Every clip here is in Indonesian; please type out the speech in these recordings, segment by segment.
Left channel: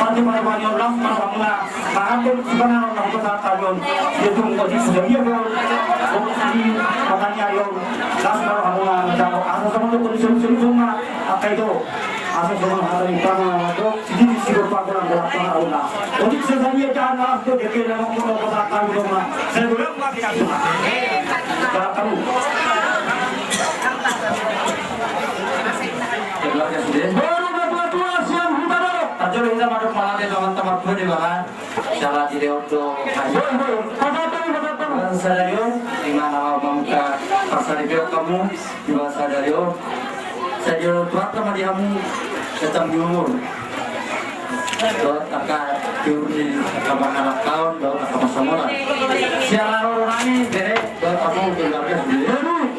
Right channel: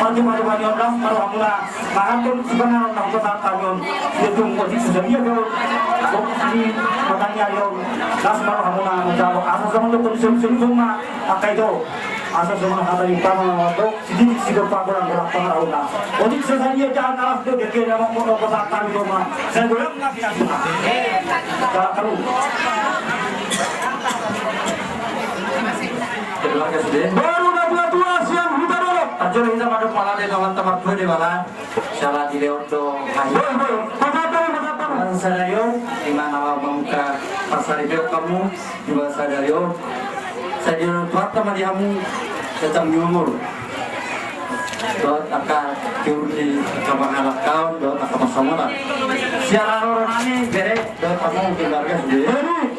Pati maribanyon lang marhamula kahapon sebenarnya ng pagkakataon itong posisi sa iyo di makanya yung las marhamula daw asa sa mga konsumsum akay do asa sa mga hatay pang do hindi siguro pa ko lang pang una odit sa iyo diyan as do deke na mo ko pagkakataon mo sa gulang nga pinasuna karu Terlalu sudah. Baru dapat dua siang kita dulu. Ajar kita masuk malam di teman-teman gue di mana? Salah di Leondo. Pasal Sadario, di mana mau membuka pasar di kamu di mana Sadario. Sadario tuat sama diamu datang nyumur. Dot akan diurus kamar anak kawan, dot akan masalah. Siapa orang ini bere, dot kamu keluarga sendiri.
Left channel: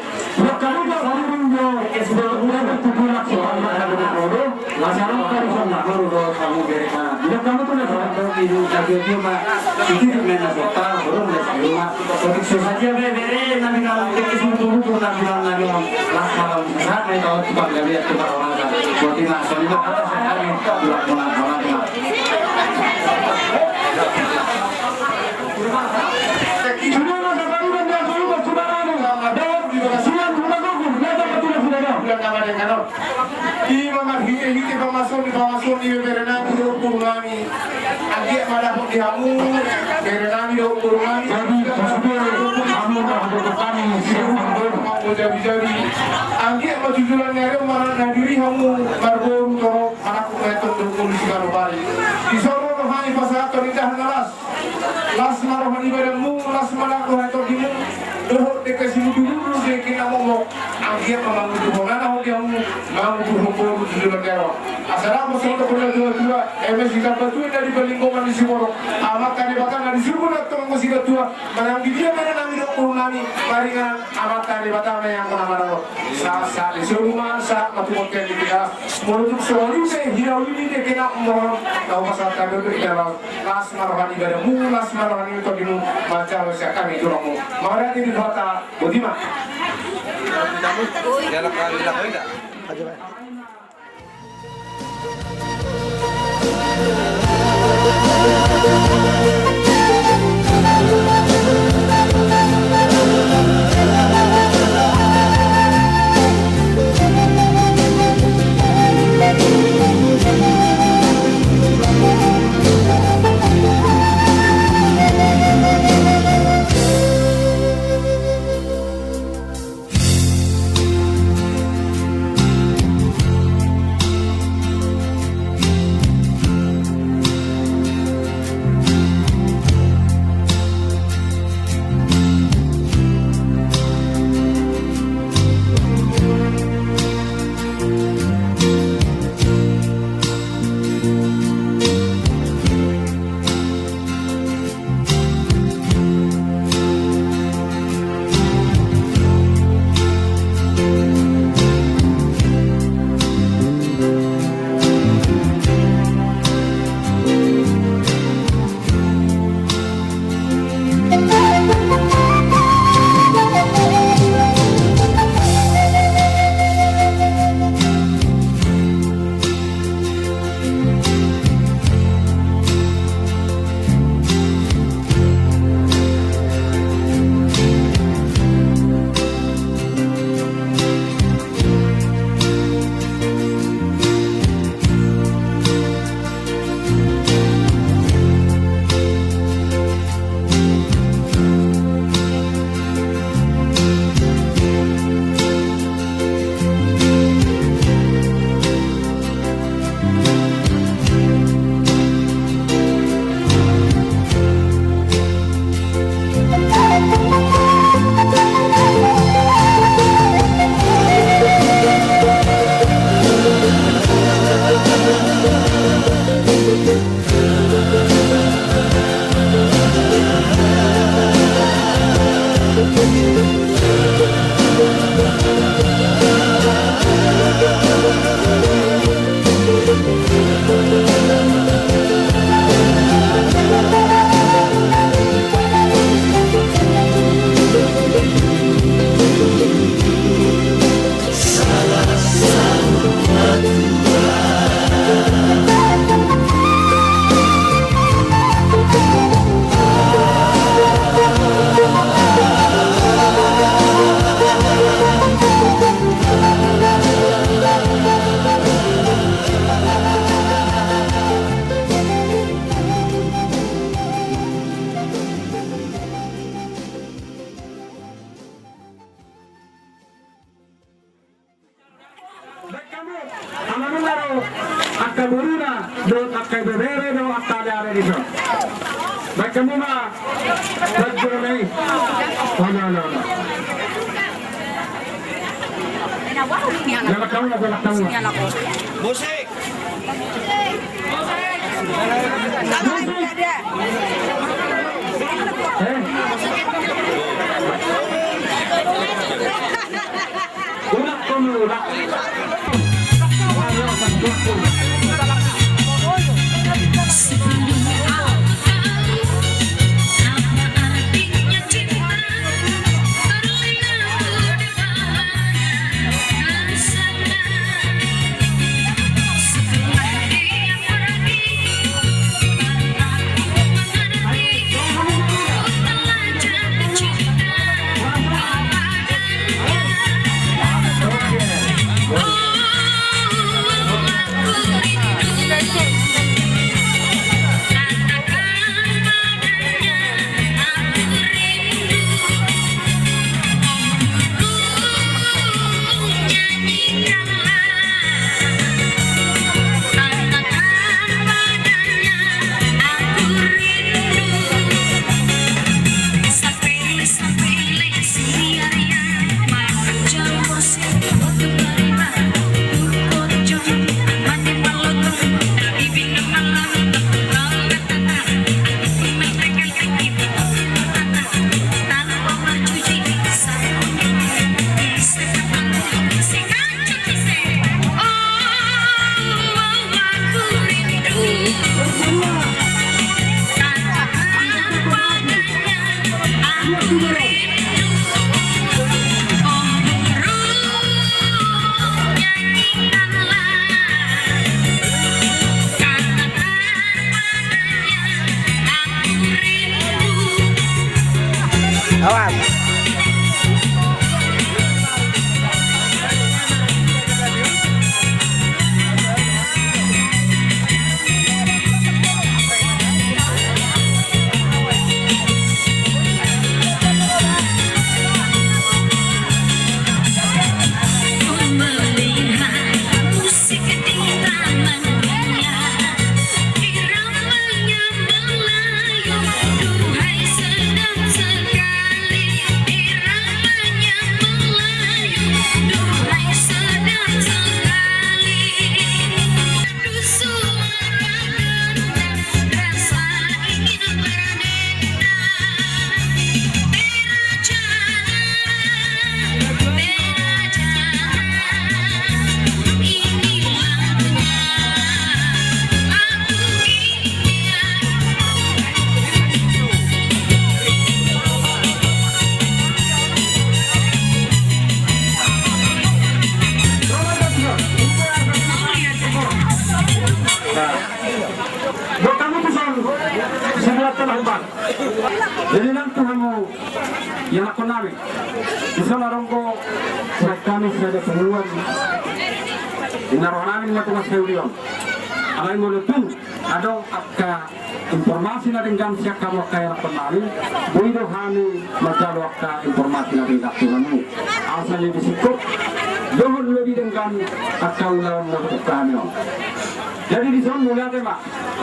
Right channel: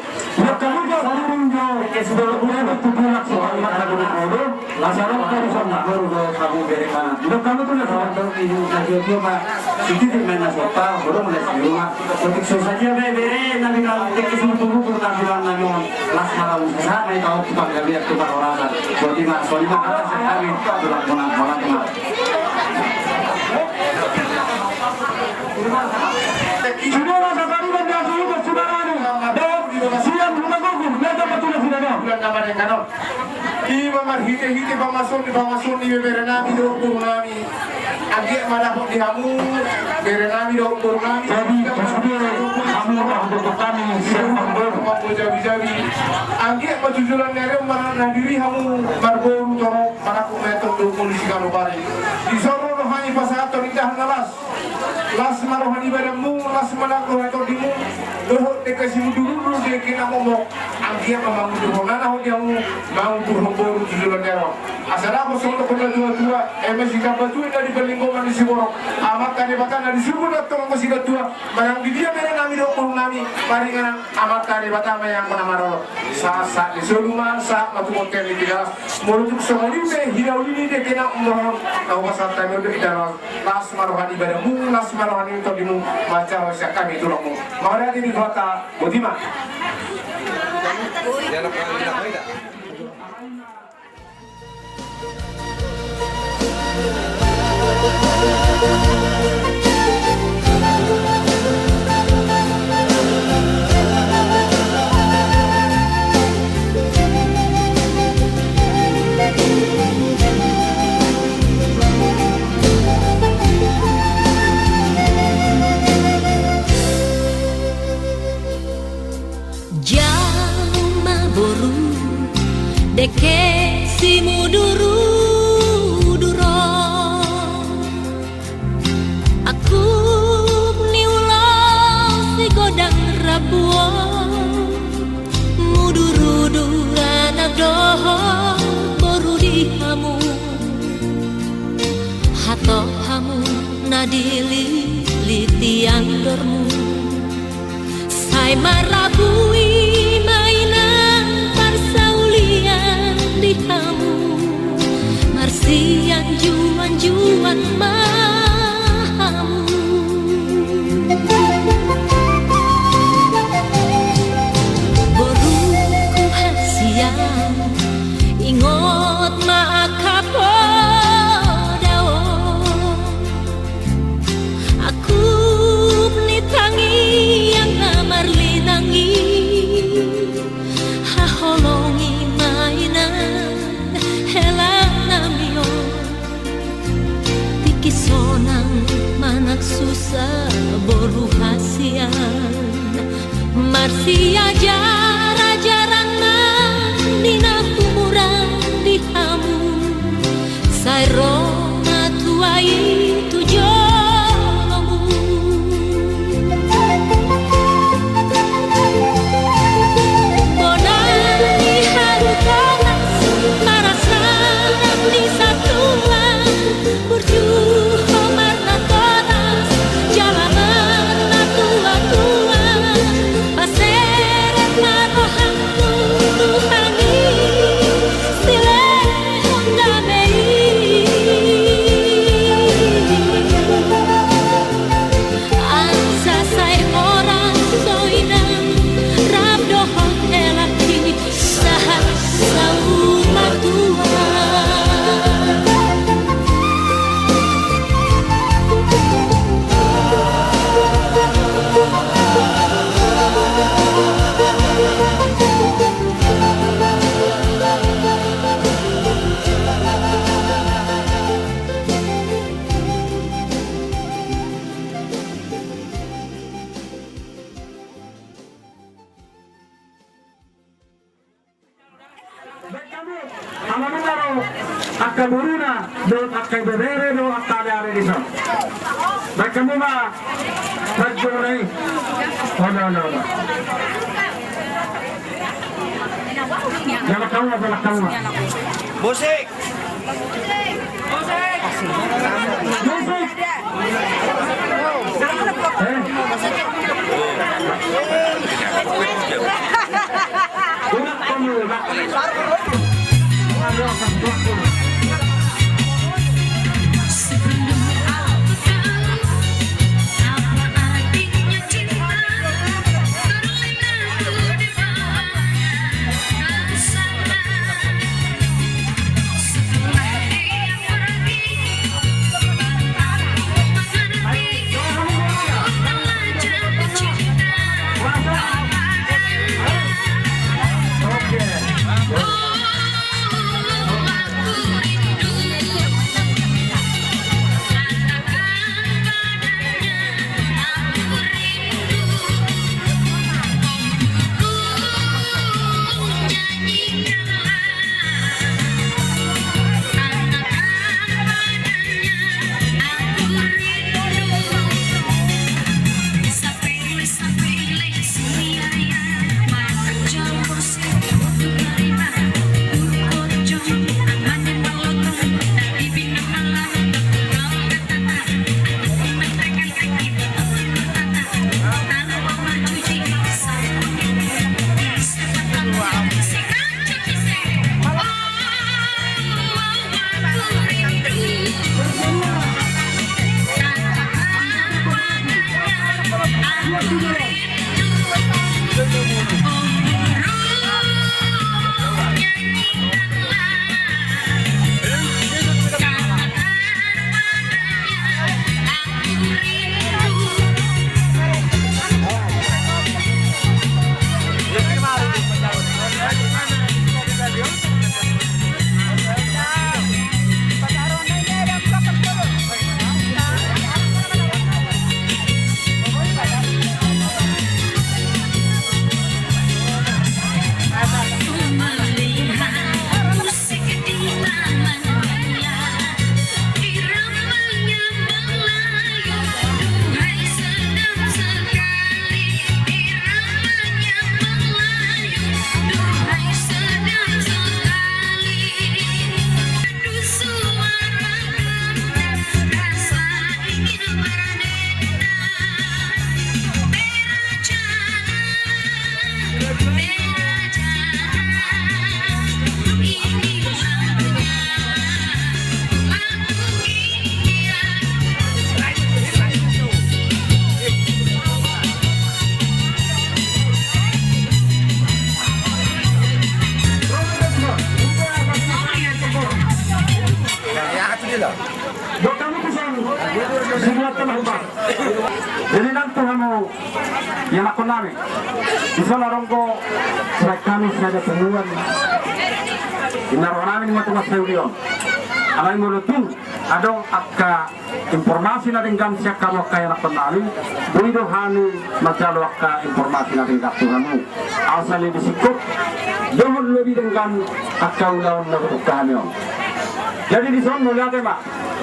Kamu jangan menjauh. Sebelum udah bertujuan soal mana dulu, masalah kan baru kamu bere mana. Bila kamu tuh kalau hidup jadi mah itu di mana sota, baru mulai rumah. Untuk saja bere, nabi kalau kita dulu pernah bilang nabi las malam saat mereka tahu kita nggak lihat kita orang kan. Buat di mana soalnya kata saya kami bilang mana di mana. Sudah sekali benda dulu bersaudara ada siang rumah gua nada betul sudah bulan nama yang kanor di mamar hite pamason di berenami do kurunami agi mana pun dihamu berenami do kurunami jadi kamu dah untuk kami mau jabi agi majujulan nere mana diri hamu margo toro mana ku metode do polisi karo bari di soro rohani pasato indah nalas las marohani badamu las mana ko heto dimu doh dikasih dulu dia kena ngomong anggia memang doh nana dia mau berhubung jujulan nere asal aku soal kena dua masih dapat tuh dari pelingkungan di Siboro amat kali batang di Siboro datang masih dapat barang dia mana nami do kurunami paringan amat kali batang yang menamaro sa di rumah sa atau hotel di kita menuju soal itu hirau ini dia kena ngomong tahu pasal kami itu dalam las marohani badamu las marohani itu dimu macam siapa kami itu lomu mari di kota Budima ya nak tidak Amanungaro akka buruna do akka bebere do akka dare diso. Baik kami mah berjurai. Oh no. Jangan tahu. Musik. Udah kamu udah. Jadi nanti kamu yang aku nami, bisa larongko kami saja temuan. Inaronamin matu maseulion. Alai mulutung adong akka informasi na ringgam siya kamu kaya nakunami. Buido hani majalo akka informasi na ringgam kamu. Asal lebih sikap, jangan lebih dengan akka ulawan na kami. Jadi di sana mulai tema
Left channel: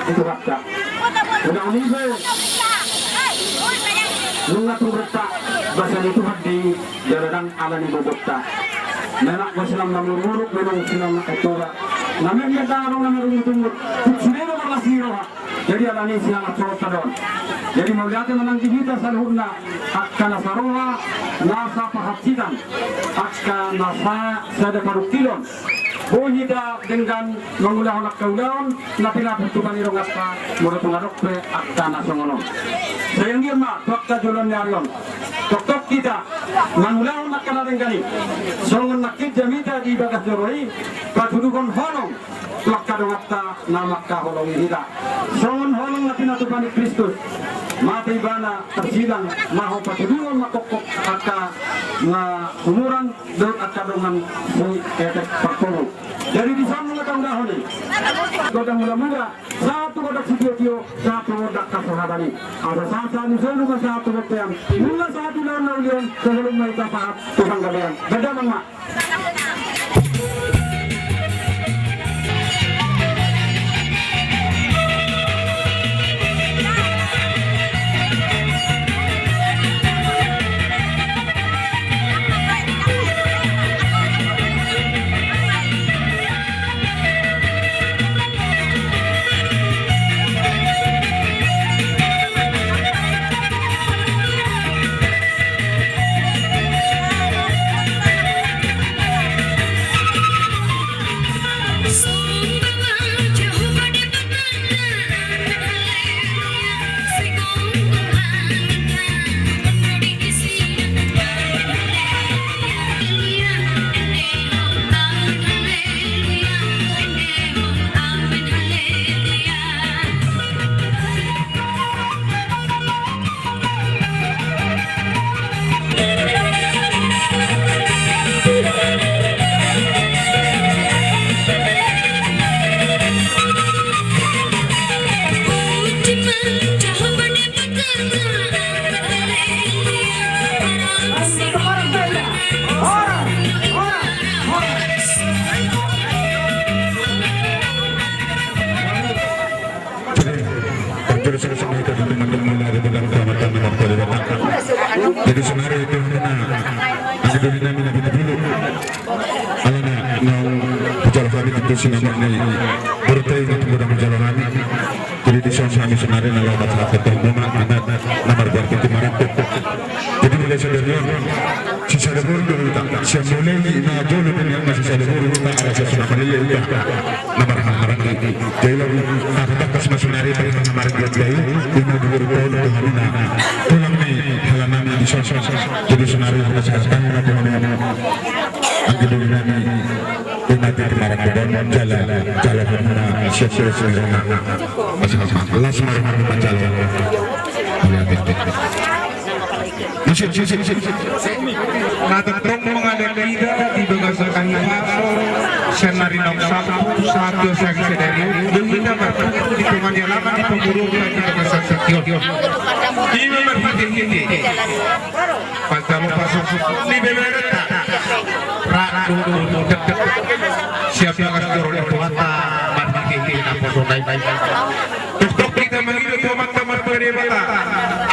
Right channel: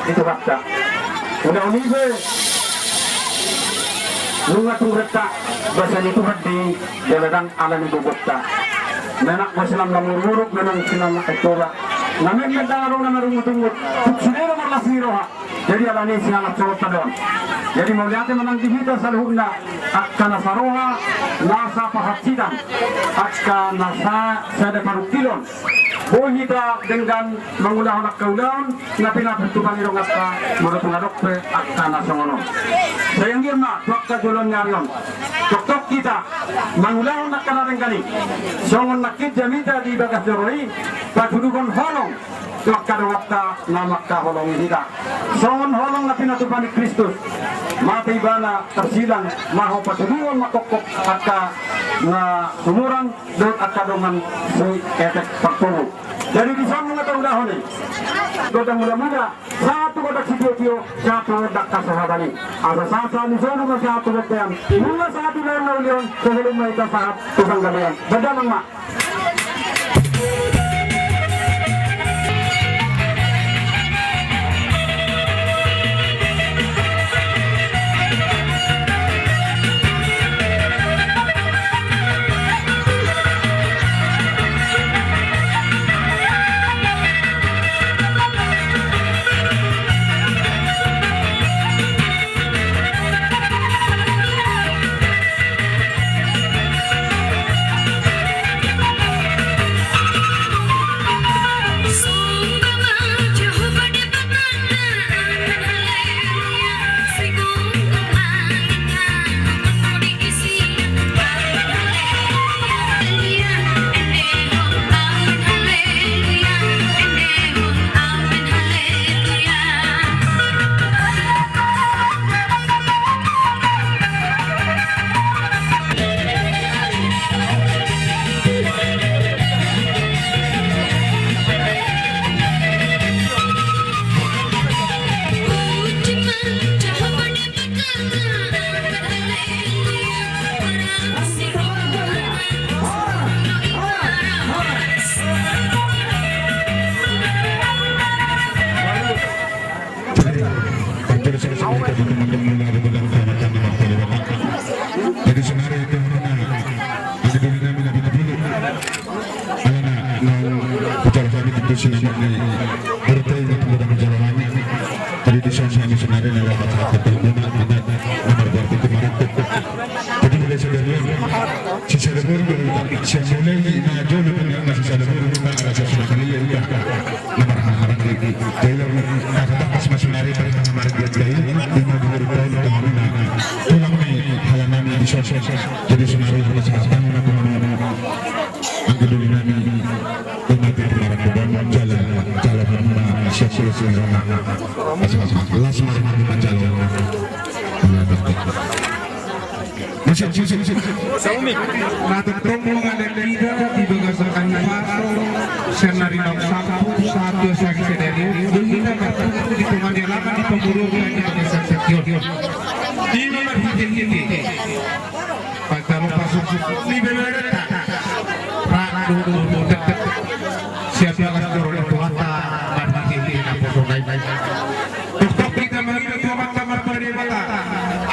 itu kata. Udah unive. Nunga tureta bahasa itu di jalan alam bobota. Menak Muslim namururuk memang sinama etola. Namanya darong nama rumut-rumut. Sudah berlasiroha. Jadi alani siang corot don. Jadi melihatnya menang di kita saluhna akka nasaroha nasa pahatsidan akka nasa sada karukilon. Bohida dengan mengulah nak kaulan na pinapatukan irong akka mula tungadok pe akka nasongono. Sayang girma dokta julon nyarion. Doktor kita mengulah nak kana rengani. Songon nakit jamita di bagas joroi patudukon holong lakkado wakta na makka holong hida. Songon holong na pinatupani Kristus. Mati bana tersilang maho patudukon makokok akka na umuran dan akka dongan sui etek perpuluh. Jadi di sana nggak tahu dah ni. Kodak mula-mula satu kodak video, satu kodak kasahabani. Ada satu musuh juga satu kodak. Mula satu lawan lawan sebelum mereka saat tukang kalian. Beda nama. Ang namin na pinapilo. Alam na, pagkala kami dito sinama ni Bertay na tungkol ang pagkala kami. Jadi di sana kami senari na lapat sa ketemu na nomor berarti kemarin. Jadi mulai sebenarnya si Salabur dulu siang mulai na jolo dengan si Salabur na rasa sudah melihat nomor harang ini. Jadi lalu kata pas masunari pada nomor berarti di nomor tahun kemarin na tulang ni halaman di sosok. Jadi senari sudah sekarang na ang gawin namin ay natin kemarin doon jalan na siya na last marang jalan Natutong mga lalida di bagasakan ng maso siya na rin ang satu sa kisadari hindi na matuto di pumanyalaman di pamurungan di bagasaksakyon di na maghihindi pagka mo pasok di bemerata rakdo deket siap yang kasdoro itu hata maghihindi na po Tuktok kita mengilut teman-teman berdewata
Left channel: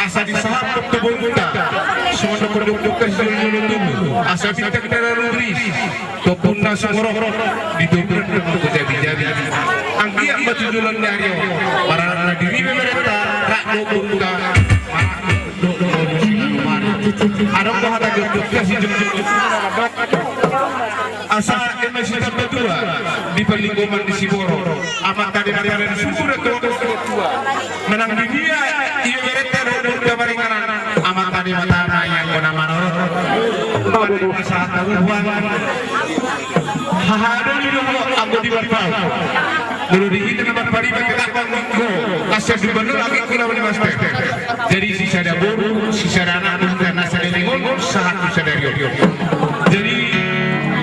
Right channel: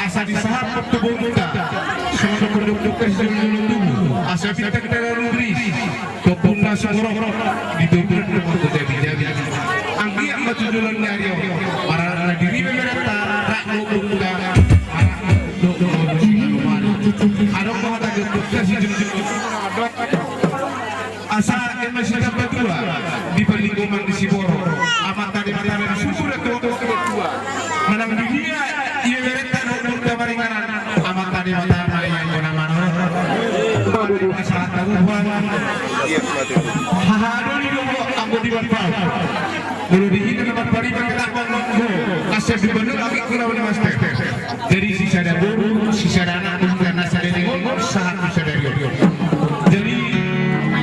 asa disahapot tubuh kita semua penduduk seluruh tubuh asa kita rubris topuna sumoro didobel untuk jadi anggi amat tujuan dari para diri mereka rak buka ada kohata geduk kasih asa emisi kedua di pelingkuman di Siboro amat tadi dari susur kedua menang dunia ia mereka robot kemaringan amat tadi matana yang kona manor saat taruhan haharu juga aku di bawah mulu di itu tempat pari berkelakon nunggu asal di bener lagi kira oleh mas jadi sisa dapur sisa rana dan nasa dari ngomong saat sisa dari jadi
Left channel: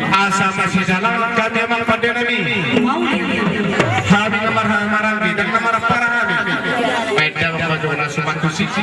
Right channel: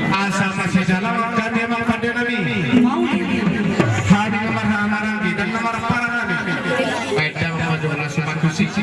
asa masih dalam kan memang pada nabi hari nomor marang dan nomor para nabi baik dalam bagaimana suatu sisi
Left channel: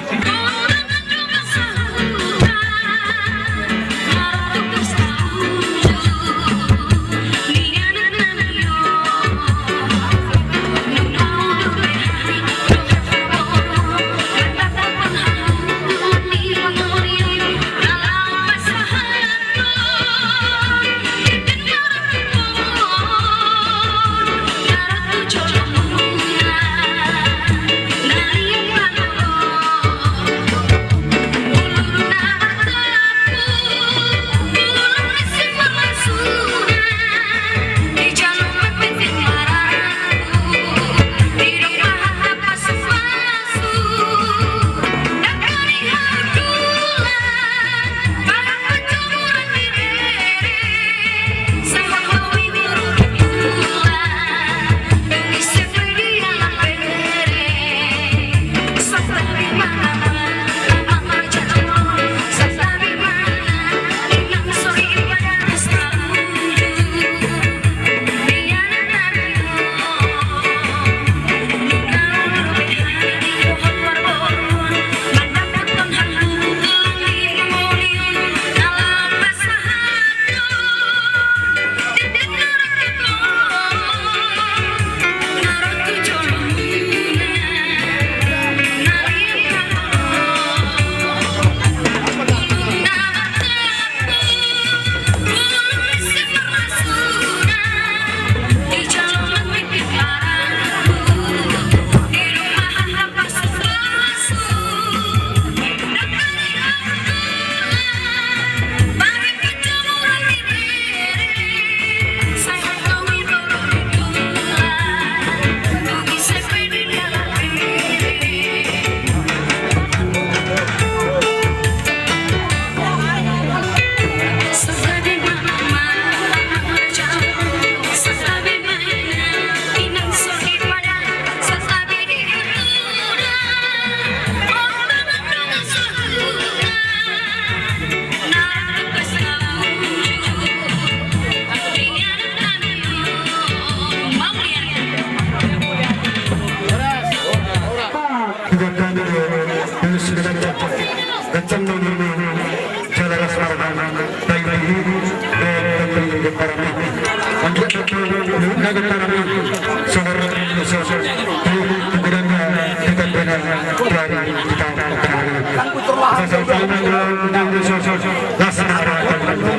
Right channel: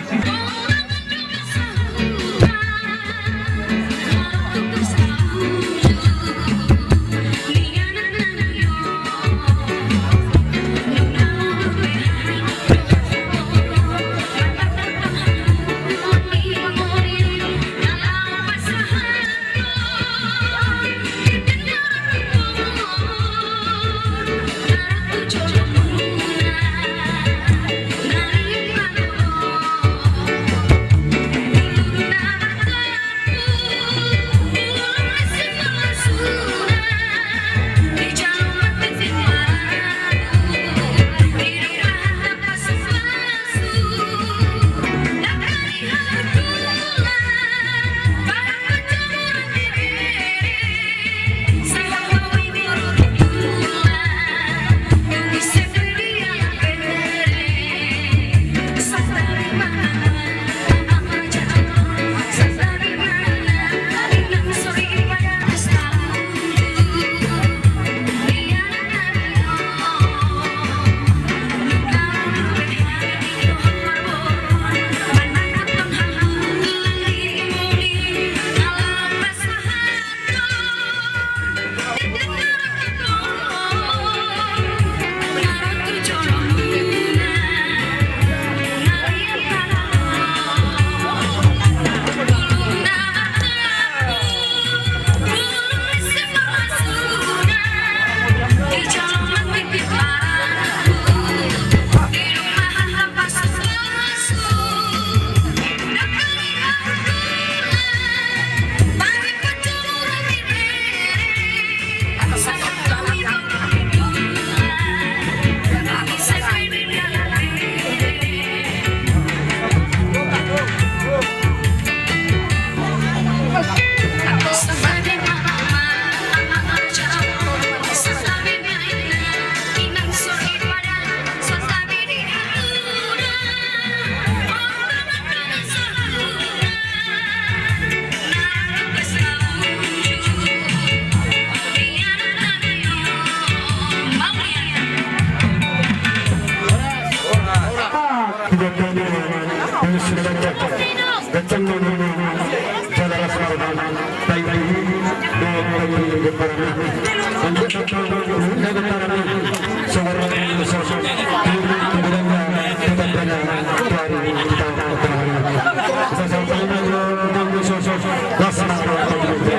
Terima kasih.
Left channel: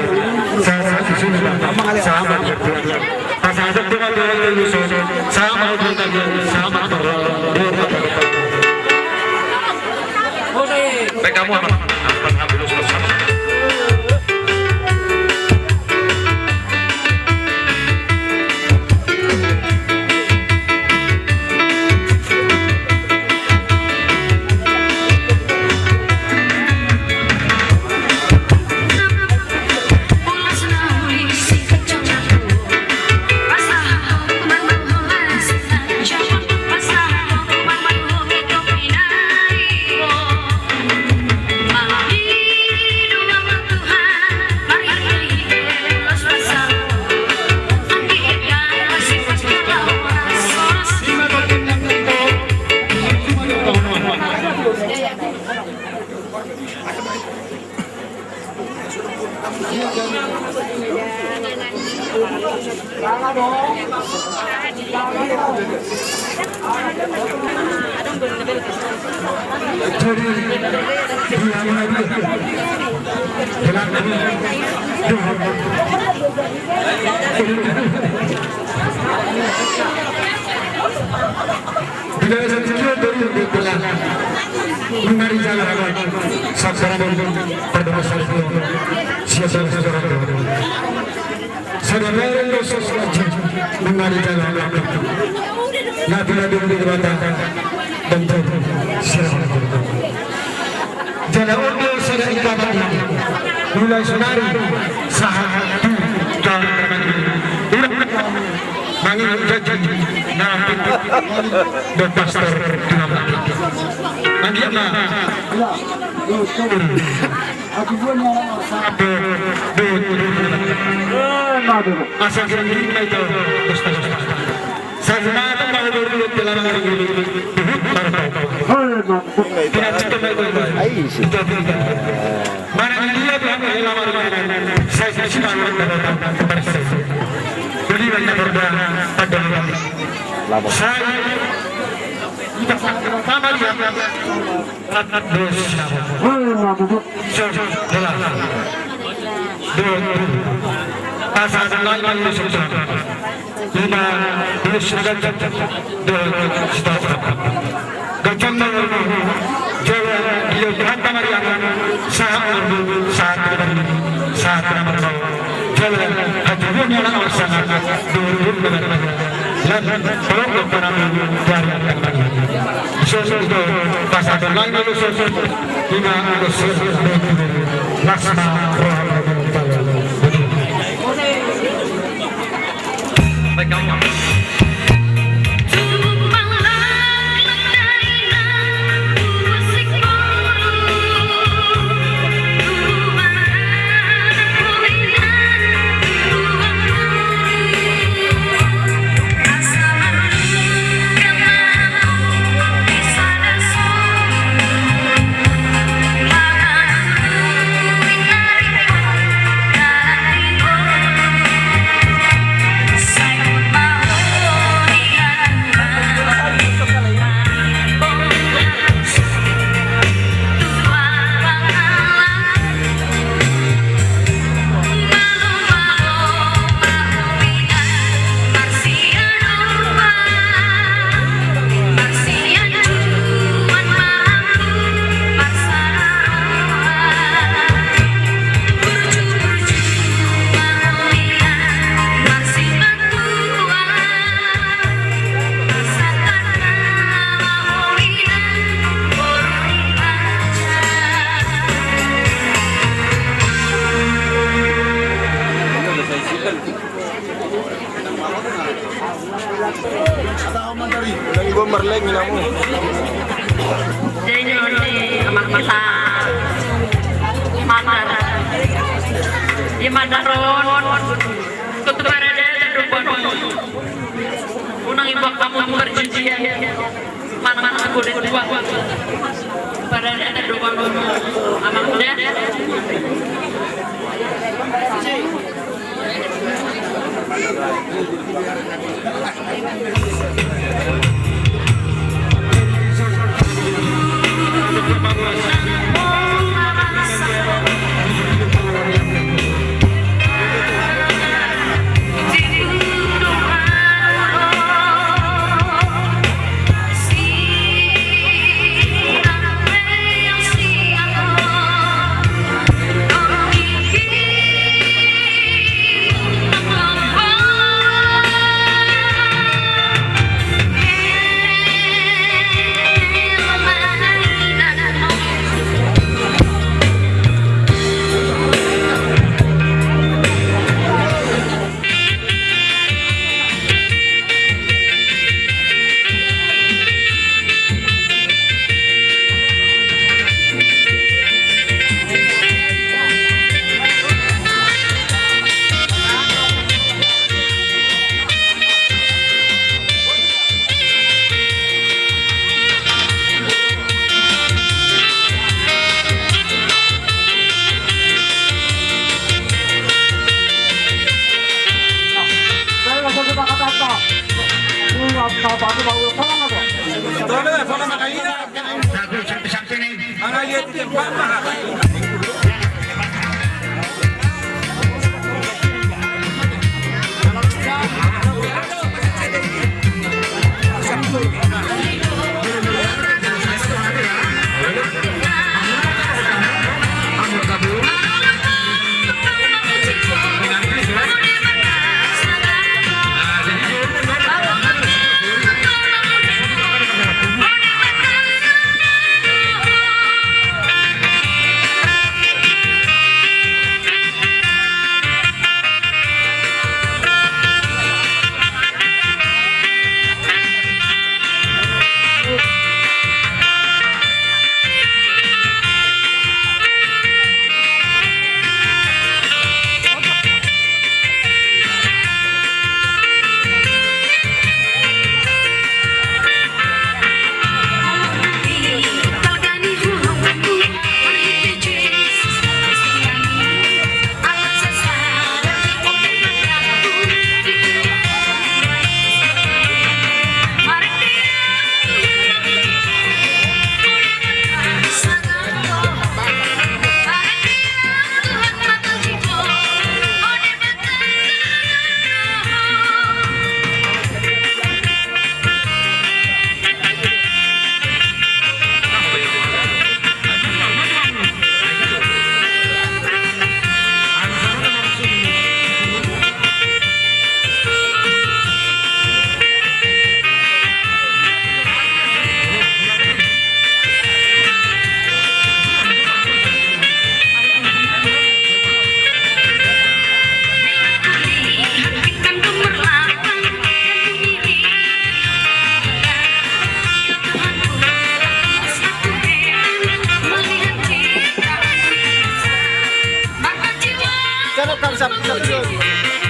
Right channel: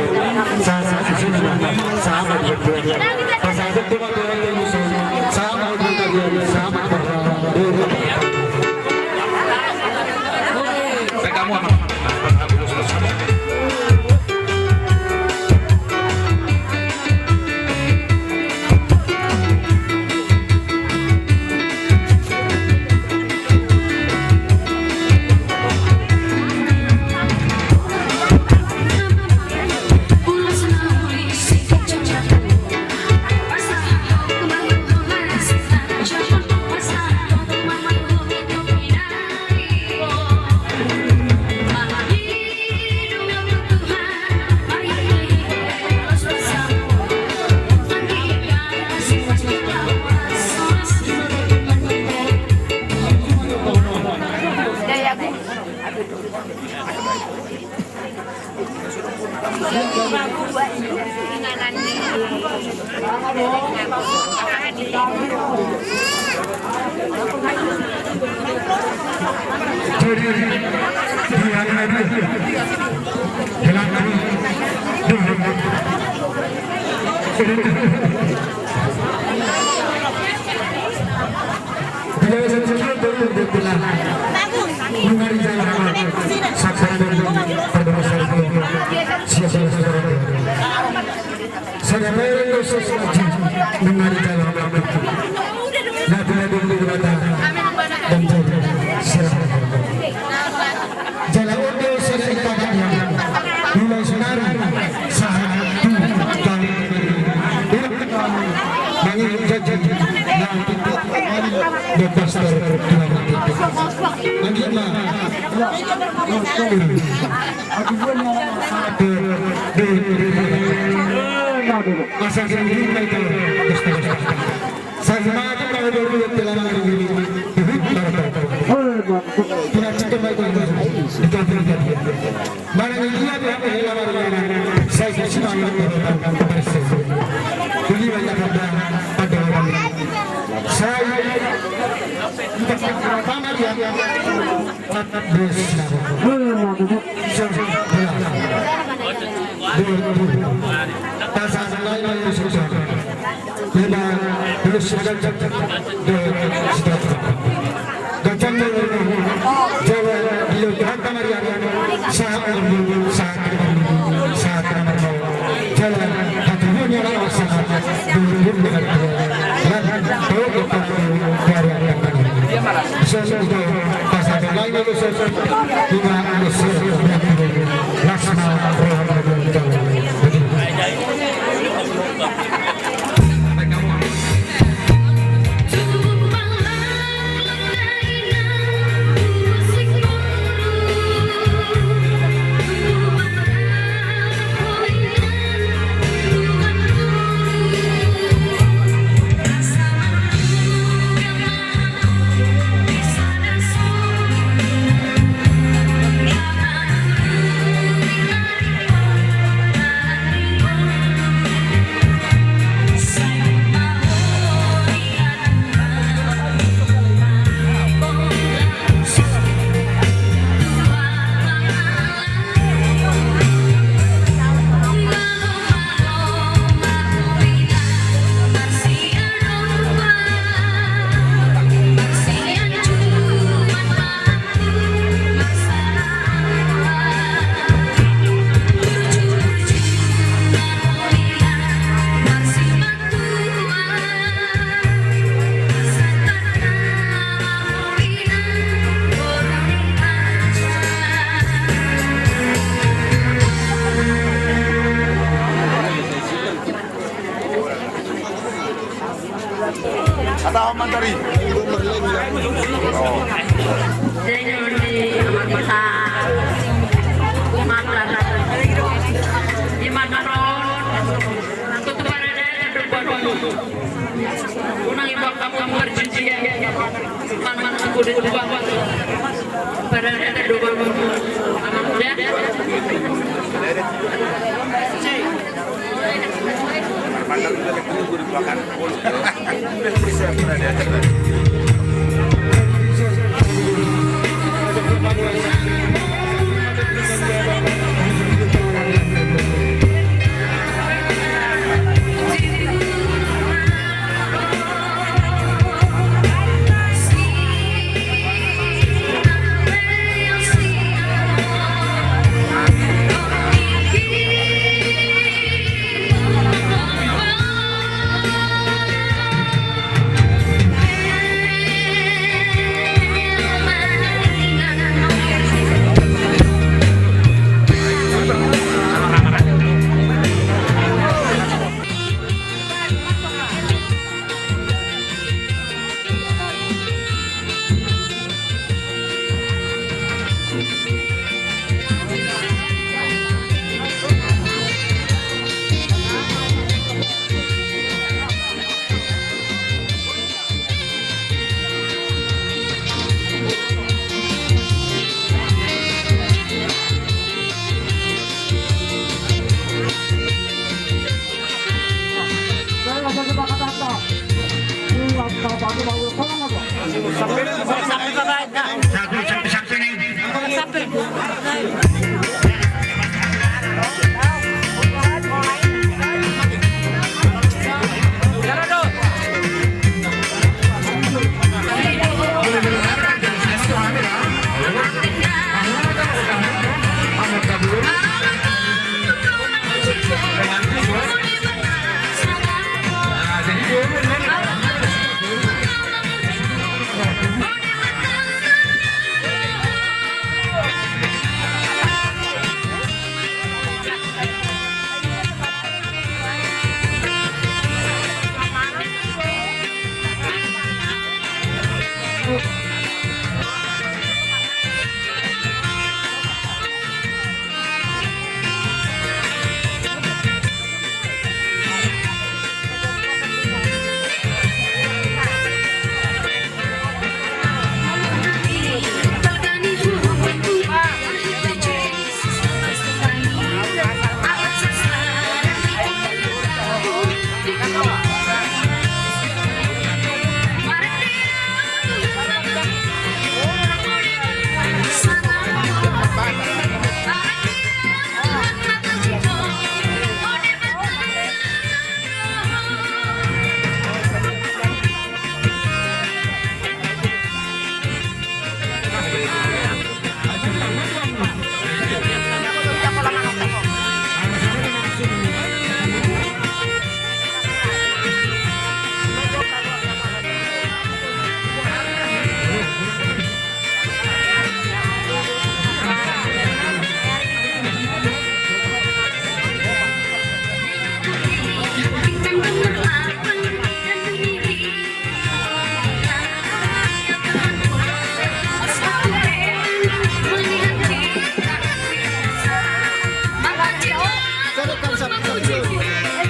kam sa pagkakas.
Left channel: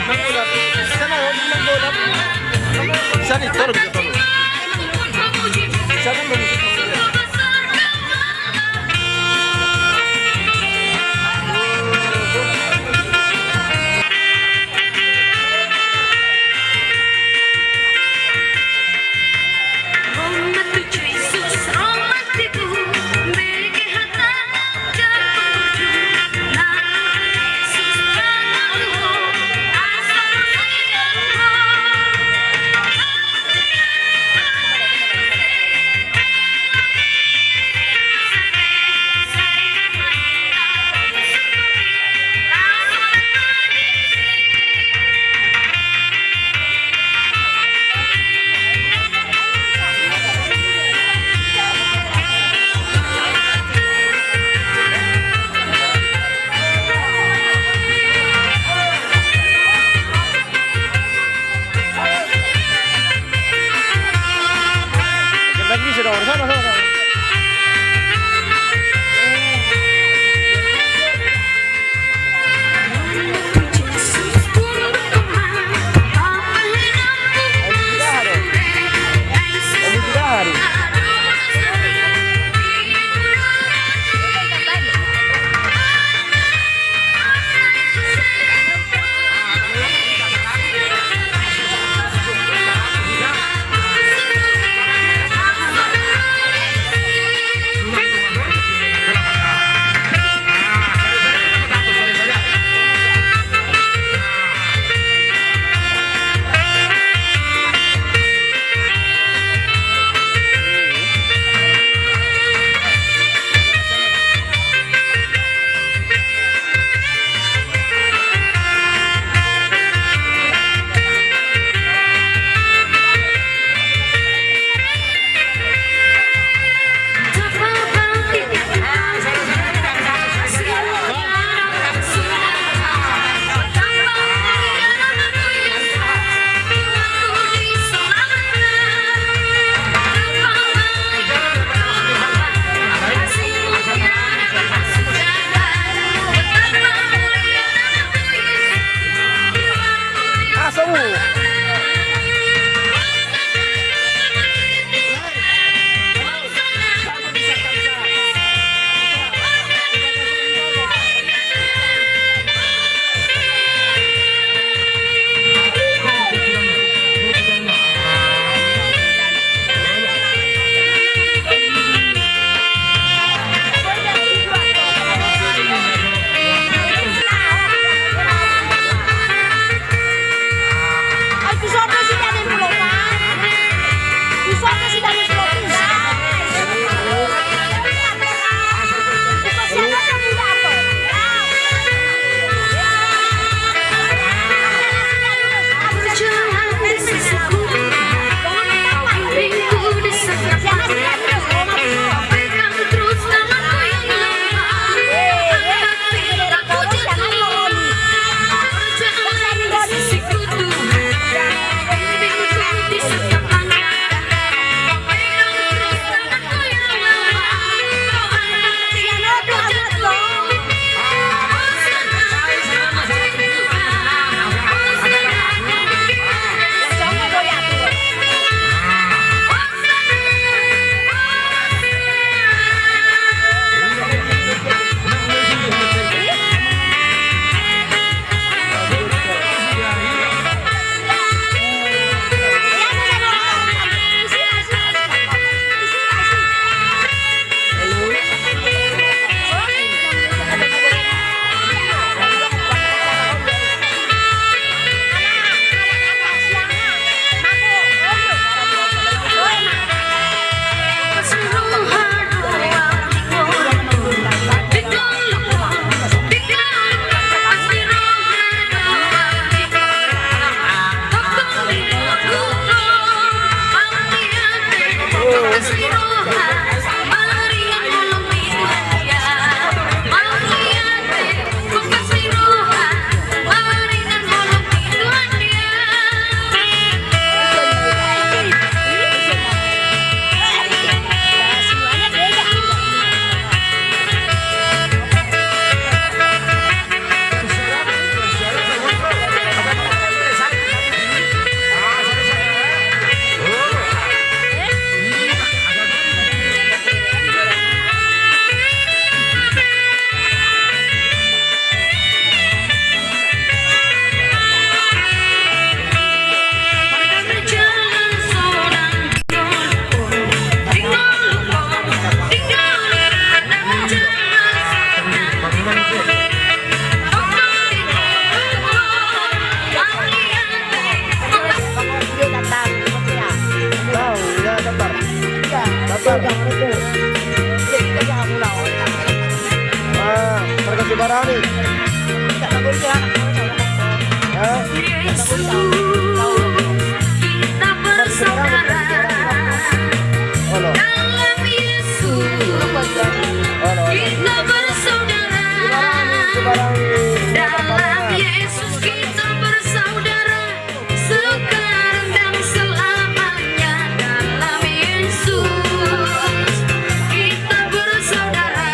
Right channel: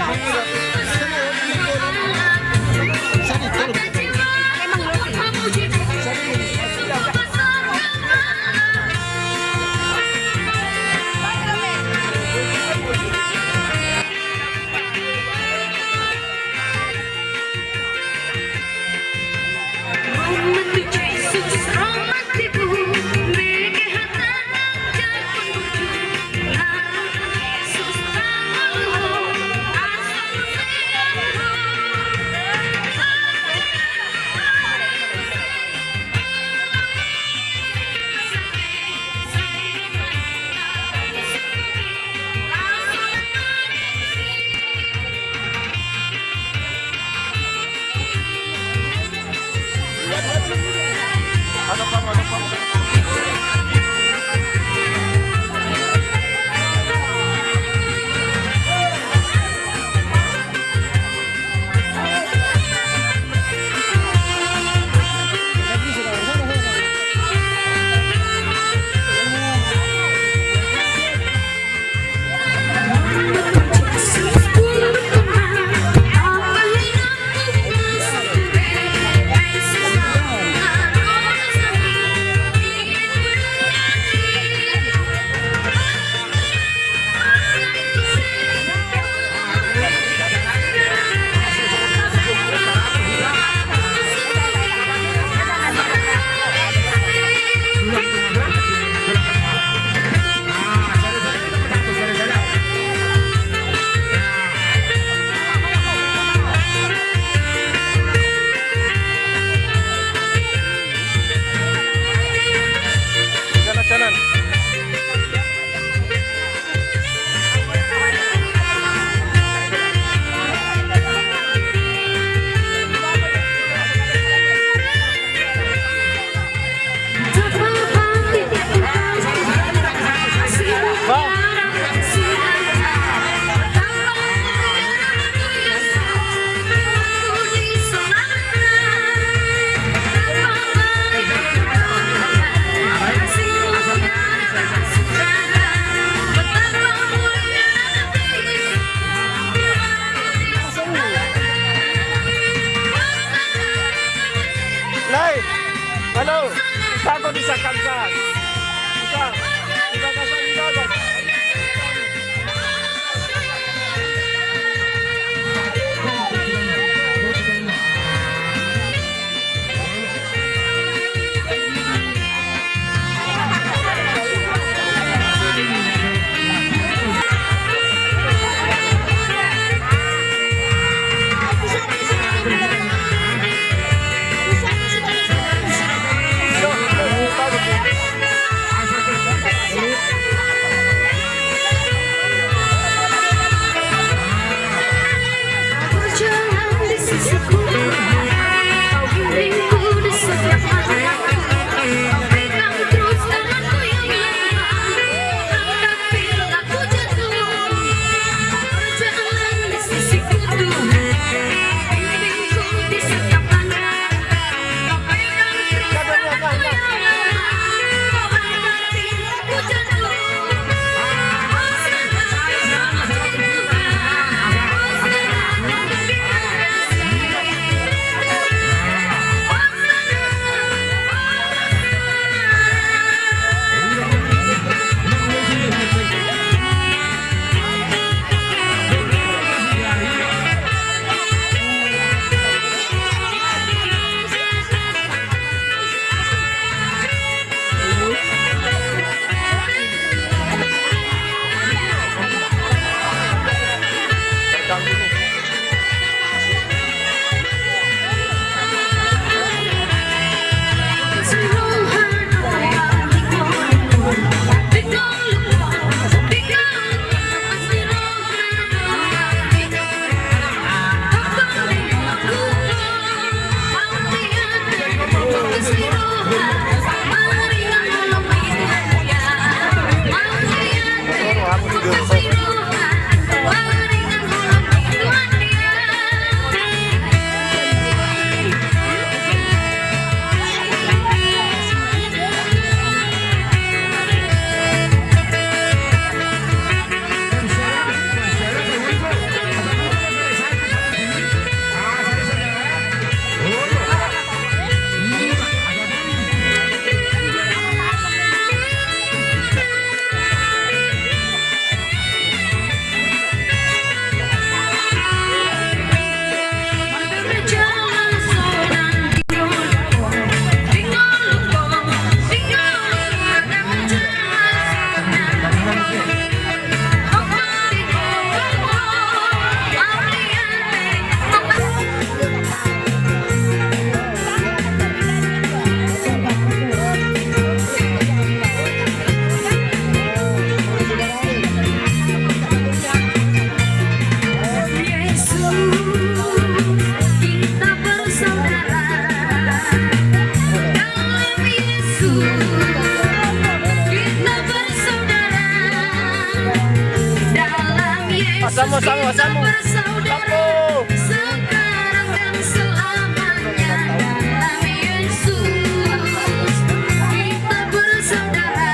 Mangulat. Sana ho di mangulat. Sana ito rin. Sana mo. Samu. Sekarang dan selamanya dalam Yesus kita bersaudara.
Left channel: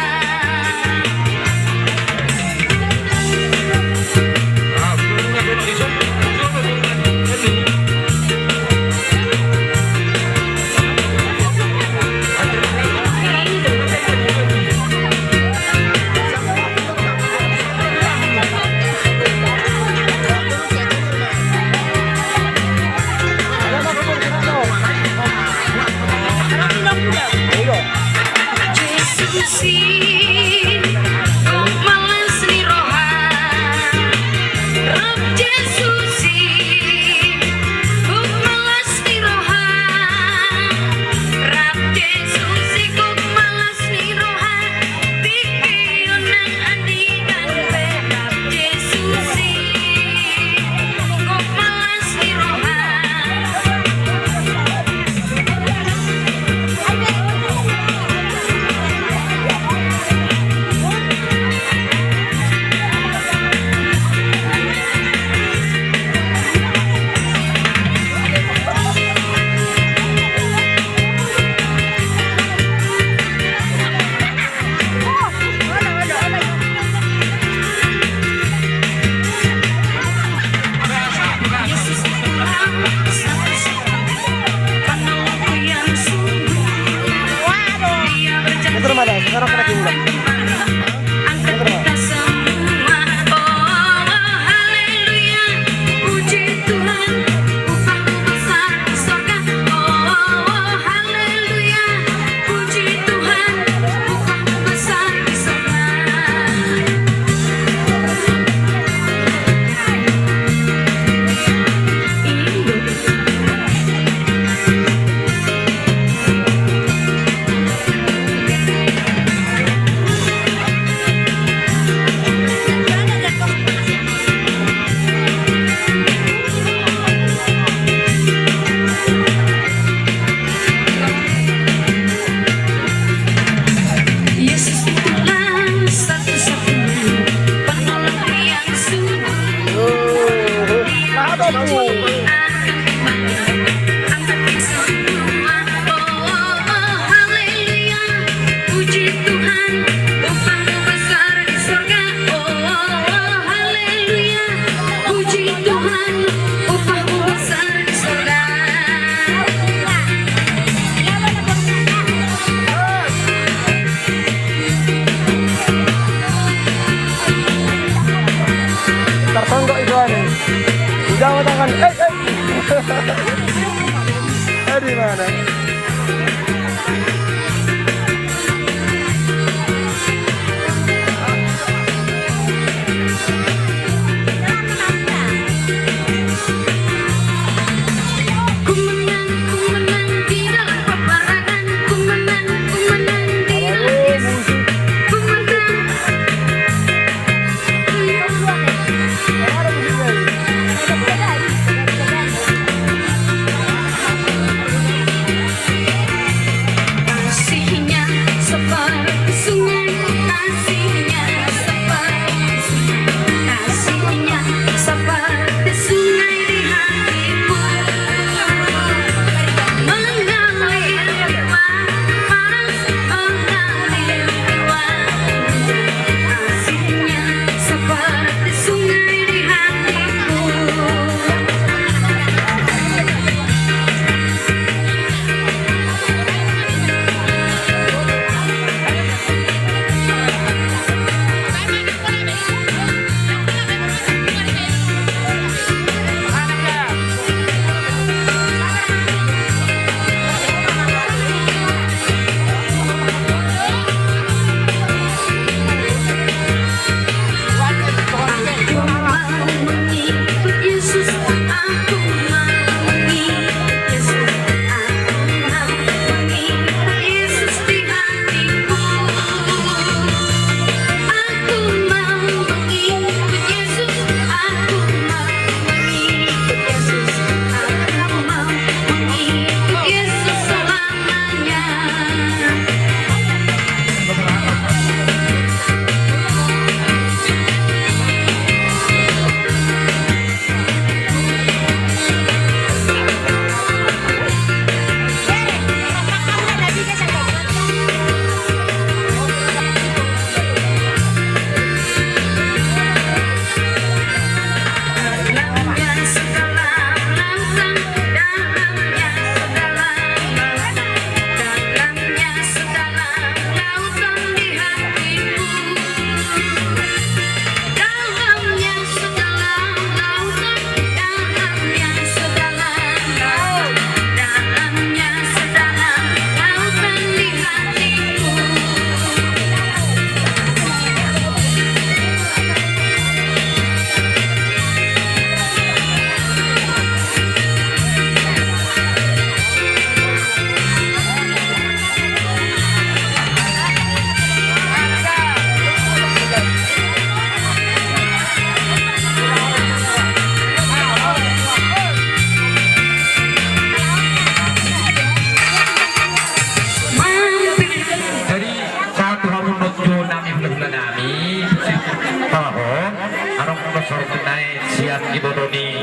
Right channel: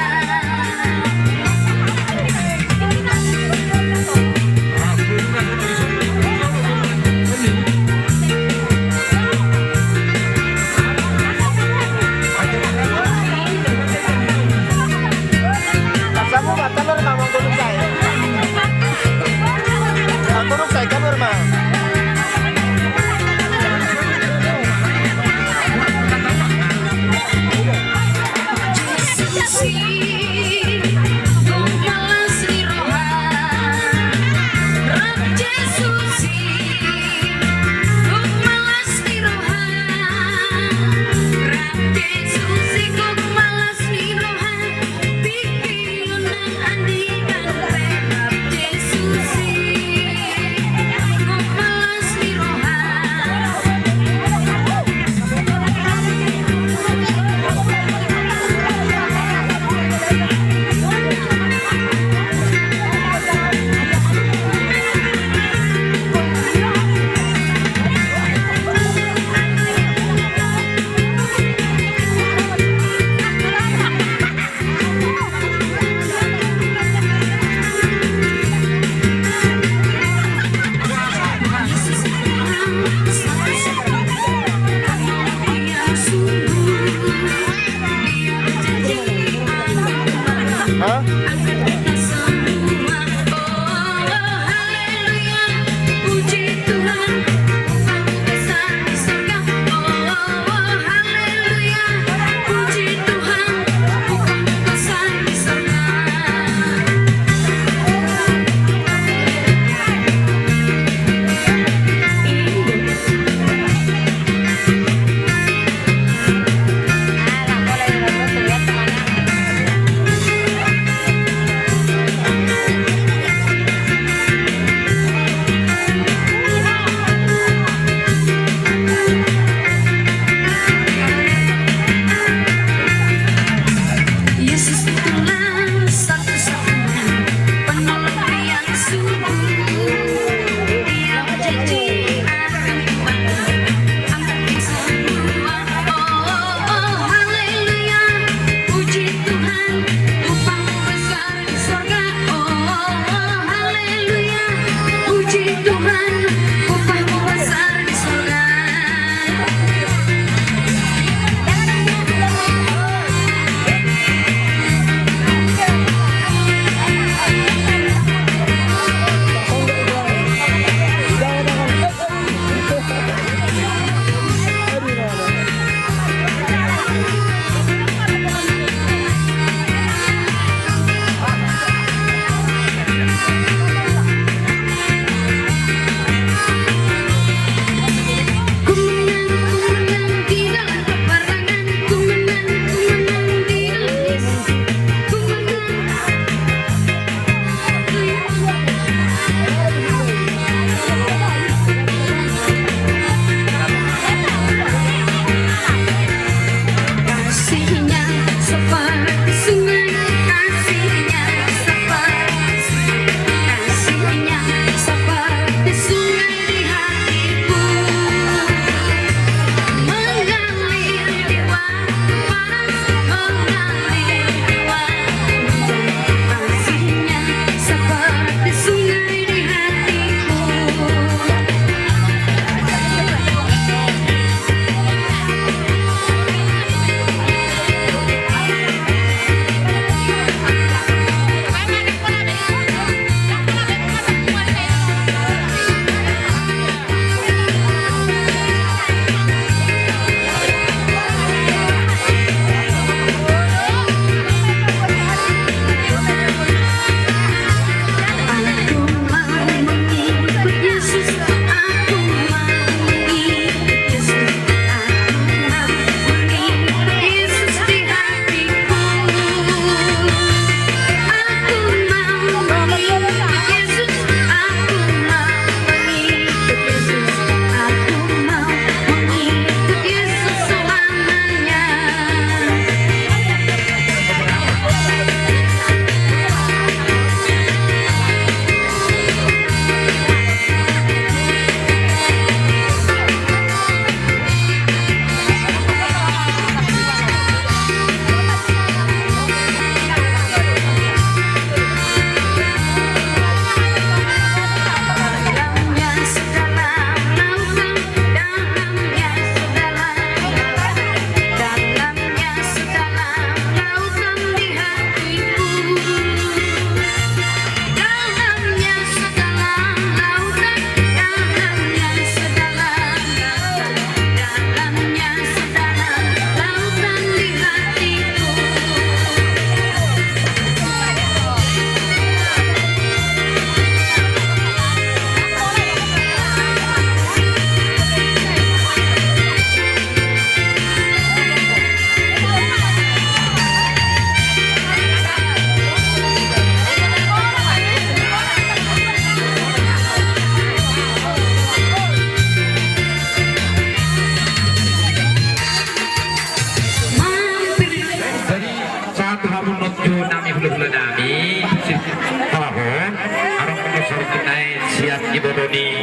dan ibodoni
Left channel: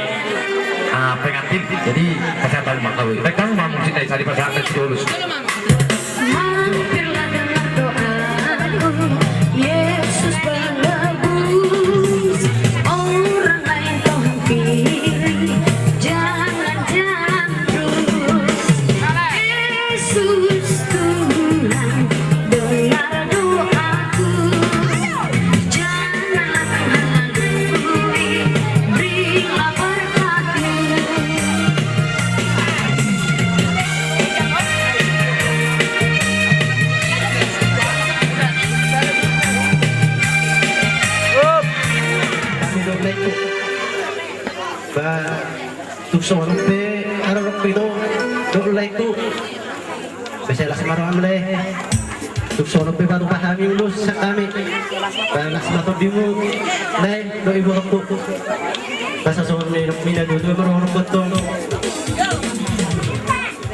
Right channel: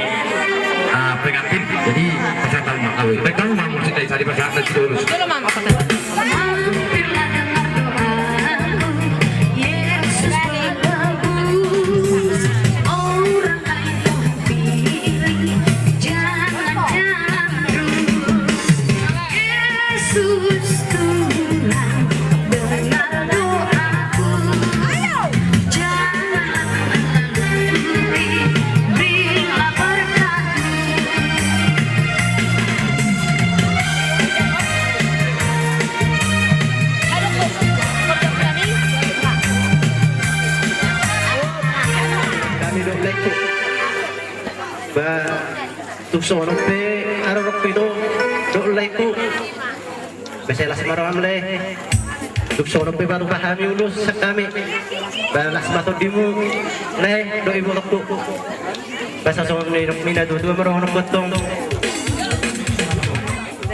pengantin. Jadi peserta makawi. Baik kamu mau mencintai tadi pasangan lulus. Hampirlah dengar doaku, Yesus menebus orang lain kau pilih, jangan terus. Yesus Tuhan, dengar doaku, janganlah menghantui, berilah berkat-Mu. Kami doblay ko. Ba, tukso ng pe, ararok pino, doblay ko. Baselas marawang mulai. Tukso ng pe baru pahami ulus sa kami. Balas matod di mo, lay, do ibu ako. Basa sa mga minado, dua marawang batong.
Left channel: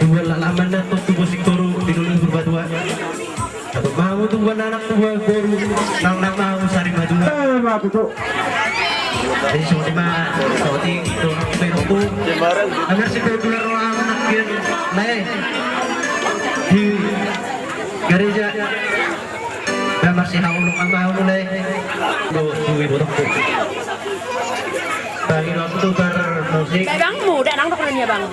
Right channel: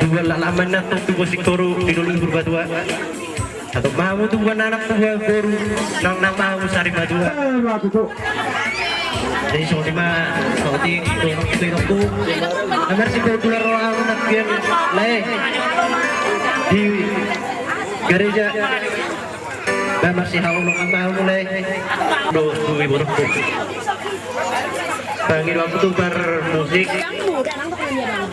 Dua lalaman na to, tubo siktoro, tinulong berbadua. Atau mau tuh anak tua guru, nang mau sari madu. Jadi so lima, seperti itu orang itu. Agar setiap bulan orang anak dia, leh di gereja. Dan masih haulung mau mulai. Do suwi borok. Bagi waktu bermusik. Bang muda nang tekannya bang.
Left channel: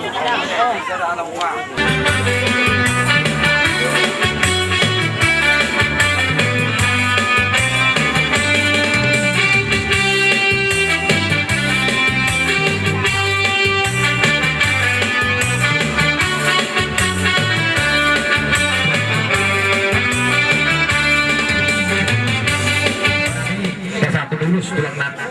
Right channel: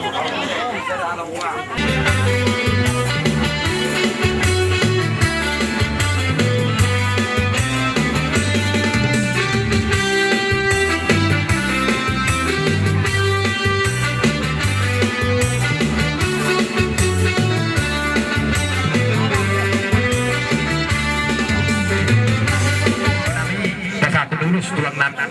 Satu lulus tulang nata.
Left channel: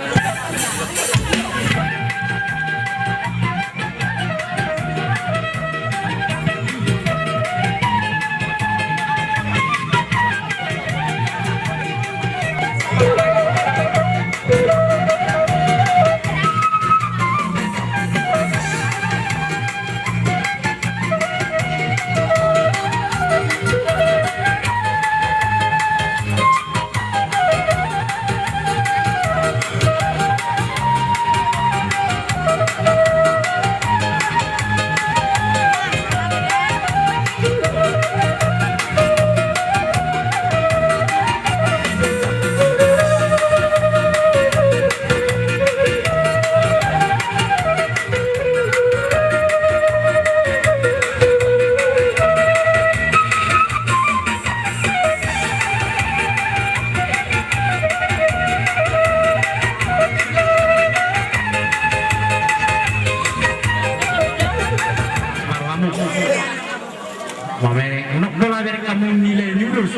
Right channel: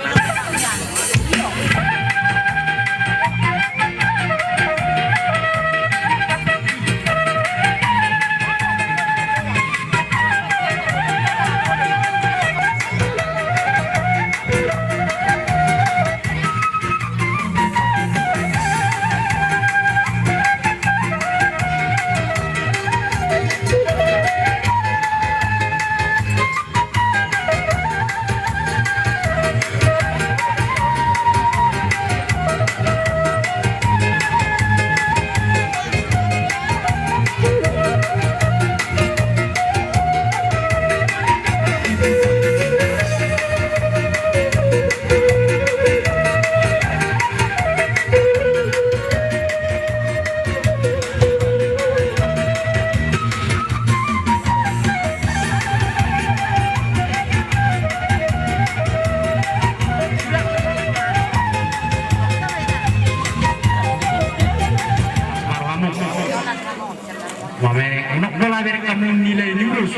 Nak bola berek kamu nilai ini terus.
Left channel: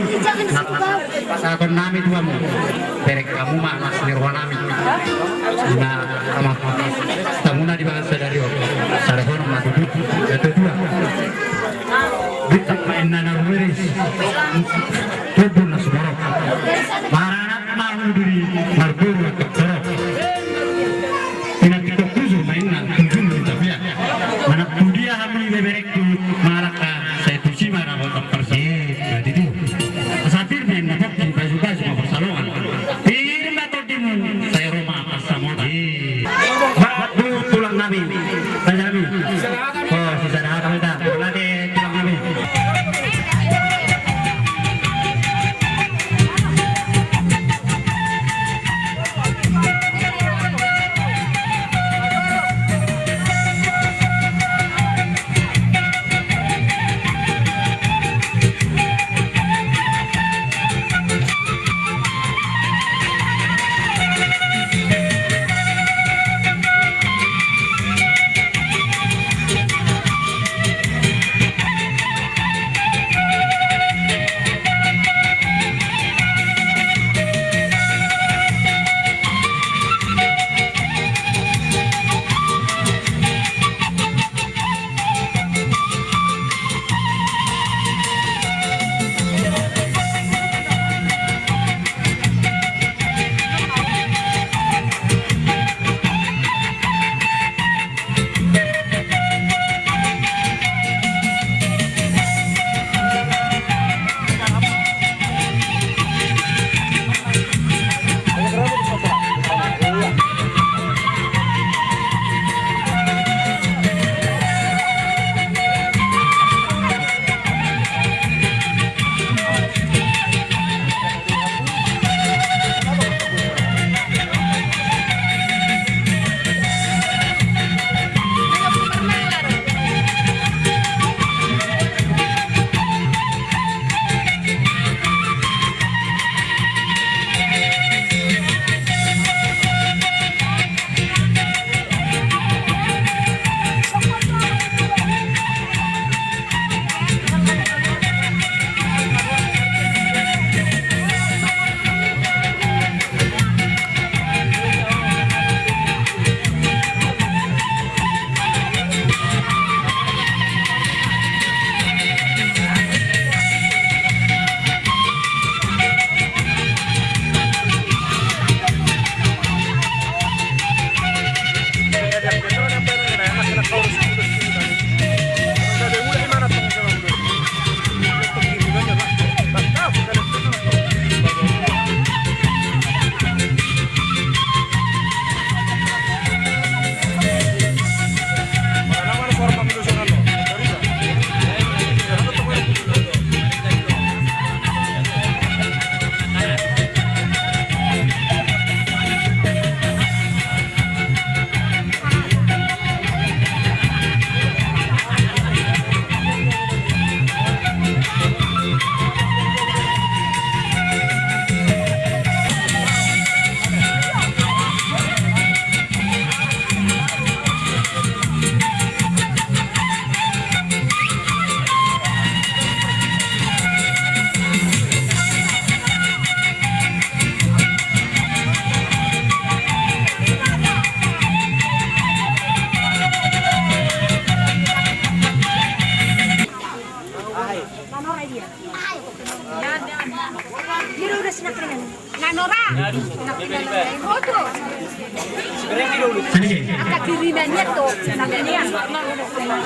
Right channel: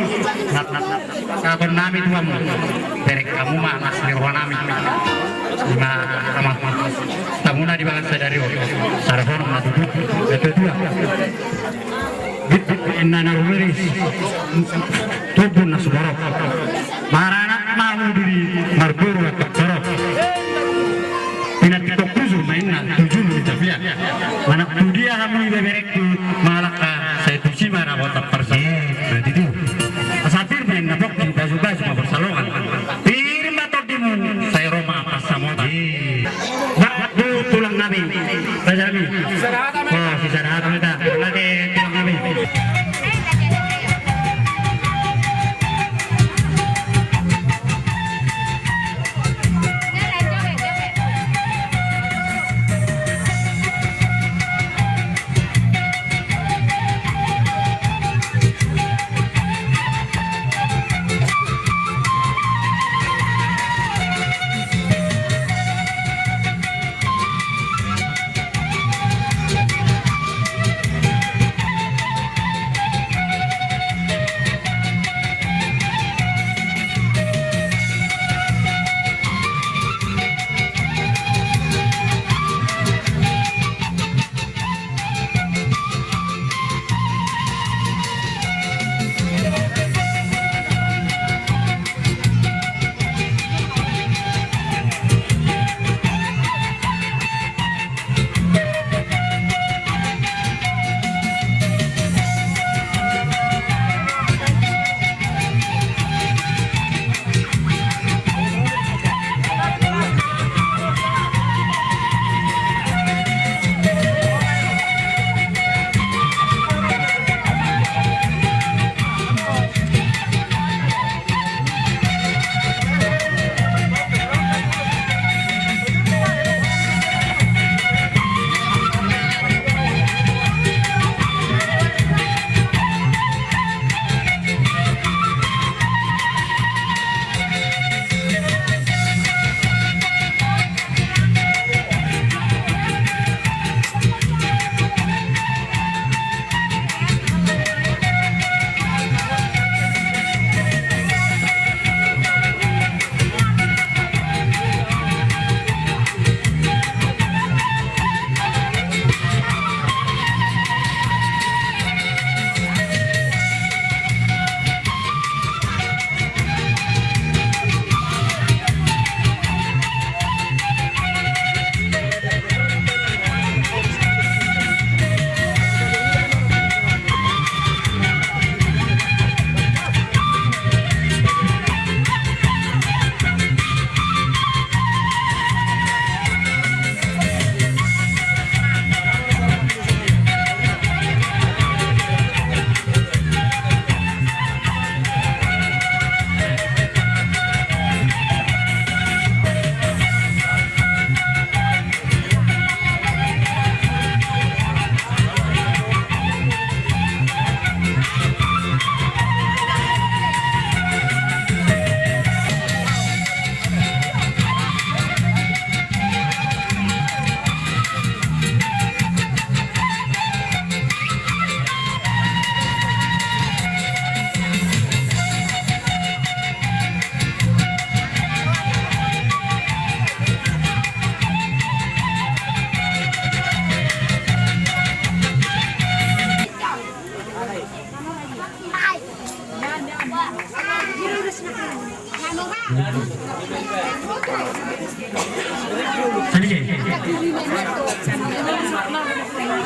Nak nami tuh kamu. Berek kamu mah mas nirwanami. Nah, sama kamu na di bangsa dari waktu. Sarafon matu itu dua. Kita main narumeris. Tubuh nasubarok. Maranat mau diri marburu atau sorok. Tidak kita kuzu mainan tujuh tapi ya. Mana dia kami berek tu malaka. Saya tu sih mana botak persen. Berarti tu. Asatir main nabok di baju-baju mau bersalongan. Pirim atau timun. Saya Roma pas sama. Waktu tulang nabi. Rajabi. Oh, sejarah kami dah. Lagi tulang nabi.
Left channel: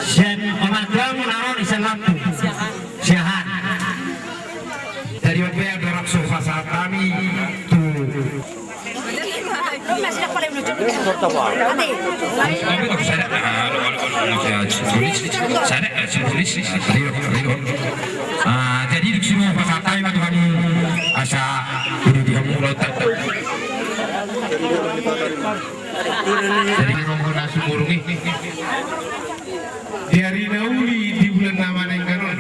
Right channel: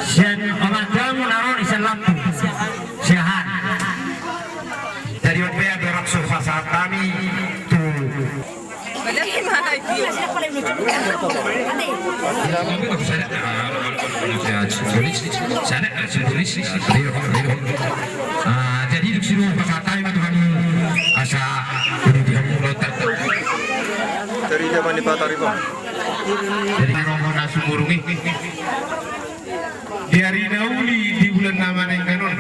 Sian orang tua menaruh di lampu siahan dari OPA berak surfa saat kami tuh jadi di sini pasal kami waktu kami asa di kamu lotak Dari zaman di Patarima. Jadi rombongan nasi burung ini di hari nauli di bulan nama yang kanon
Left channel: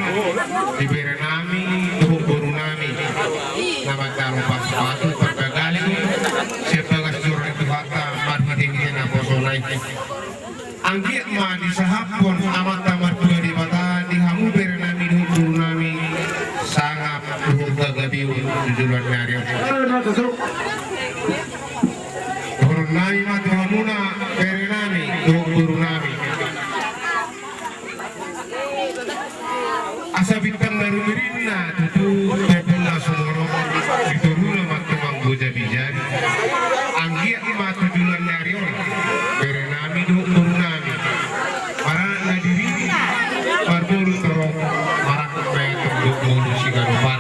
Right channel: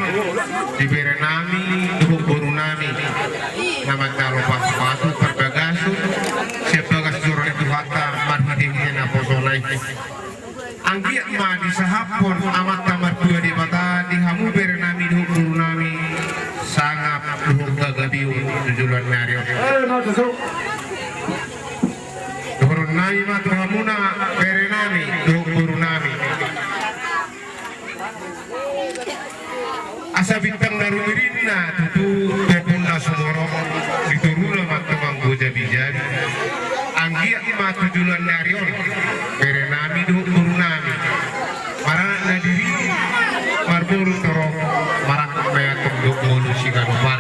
di berenami tubuh burunami nama calo pas-pasu perbagasu sebagas jurang itu fakta marhidingin apa sonai anggiat ma di sahapon amat tamat dua di mata di hamu berenami tubuh burunami sangat tubuh gagabiu tujuan nario Nami matu hamuna berenami guru nami asa bintang daru mirinna tutu topuna sumoro dituruna matu manggo jabi-jabi anggia matu julan narion berenami guru nami marana nadiri marburu toro marak maya tunduk manusia kanopar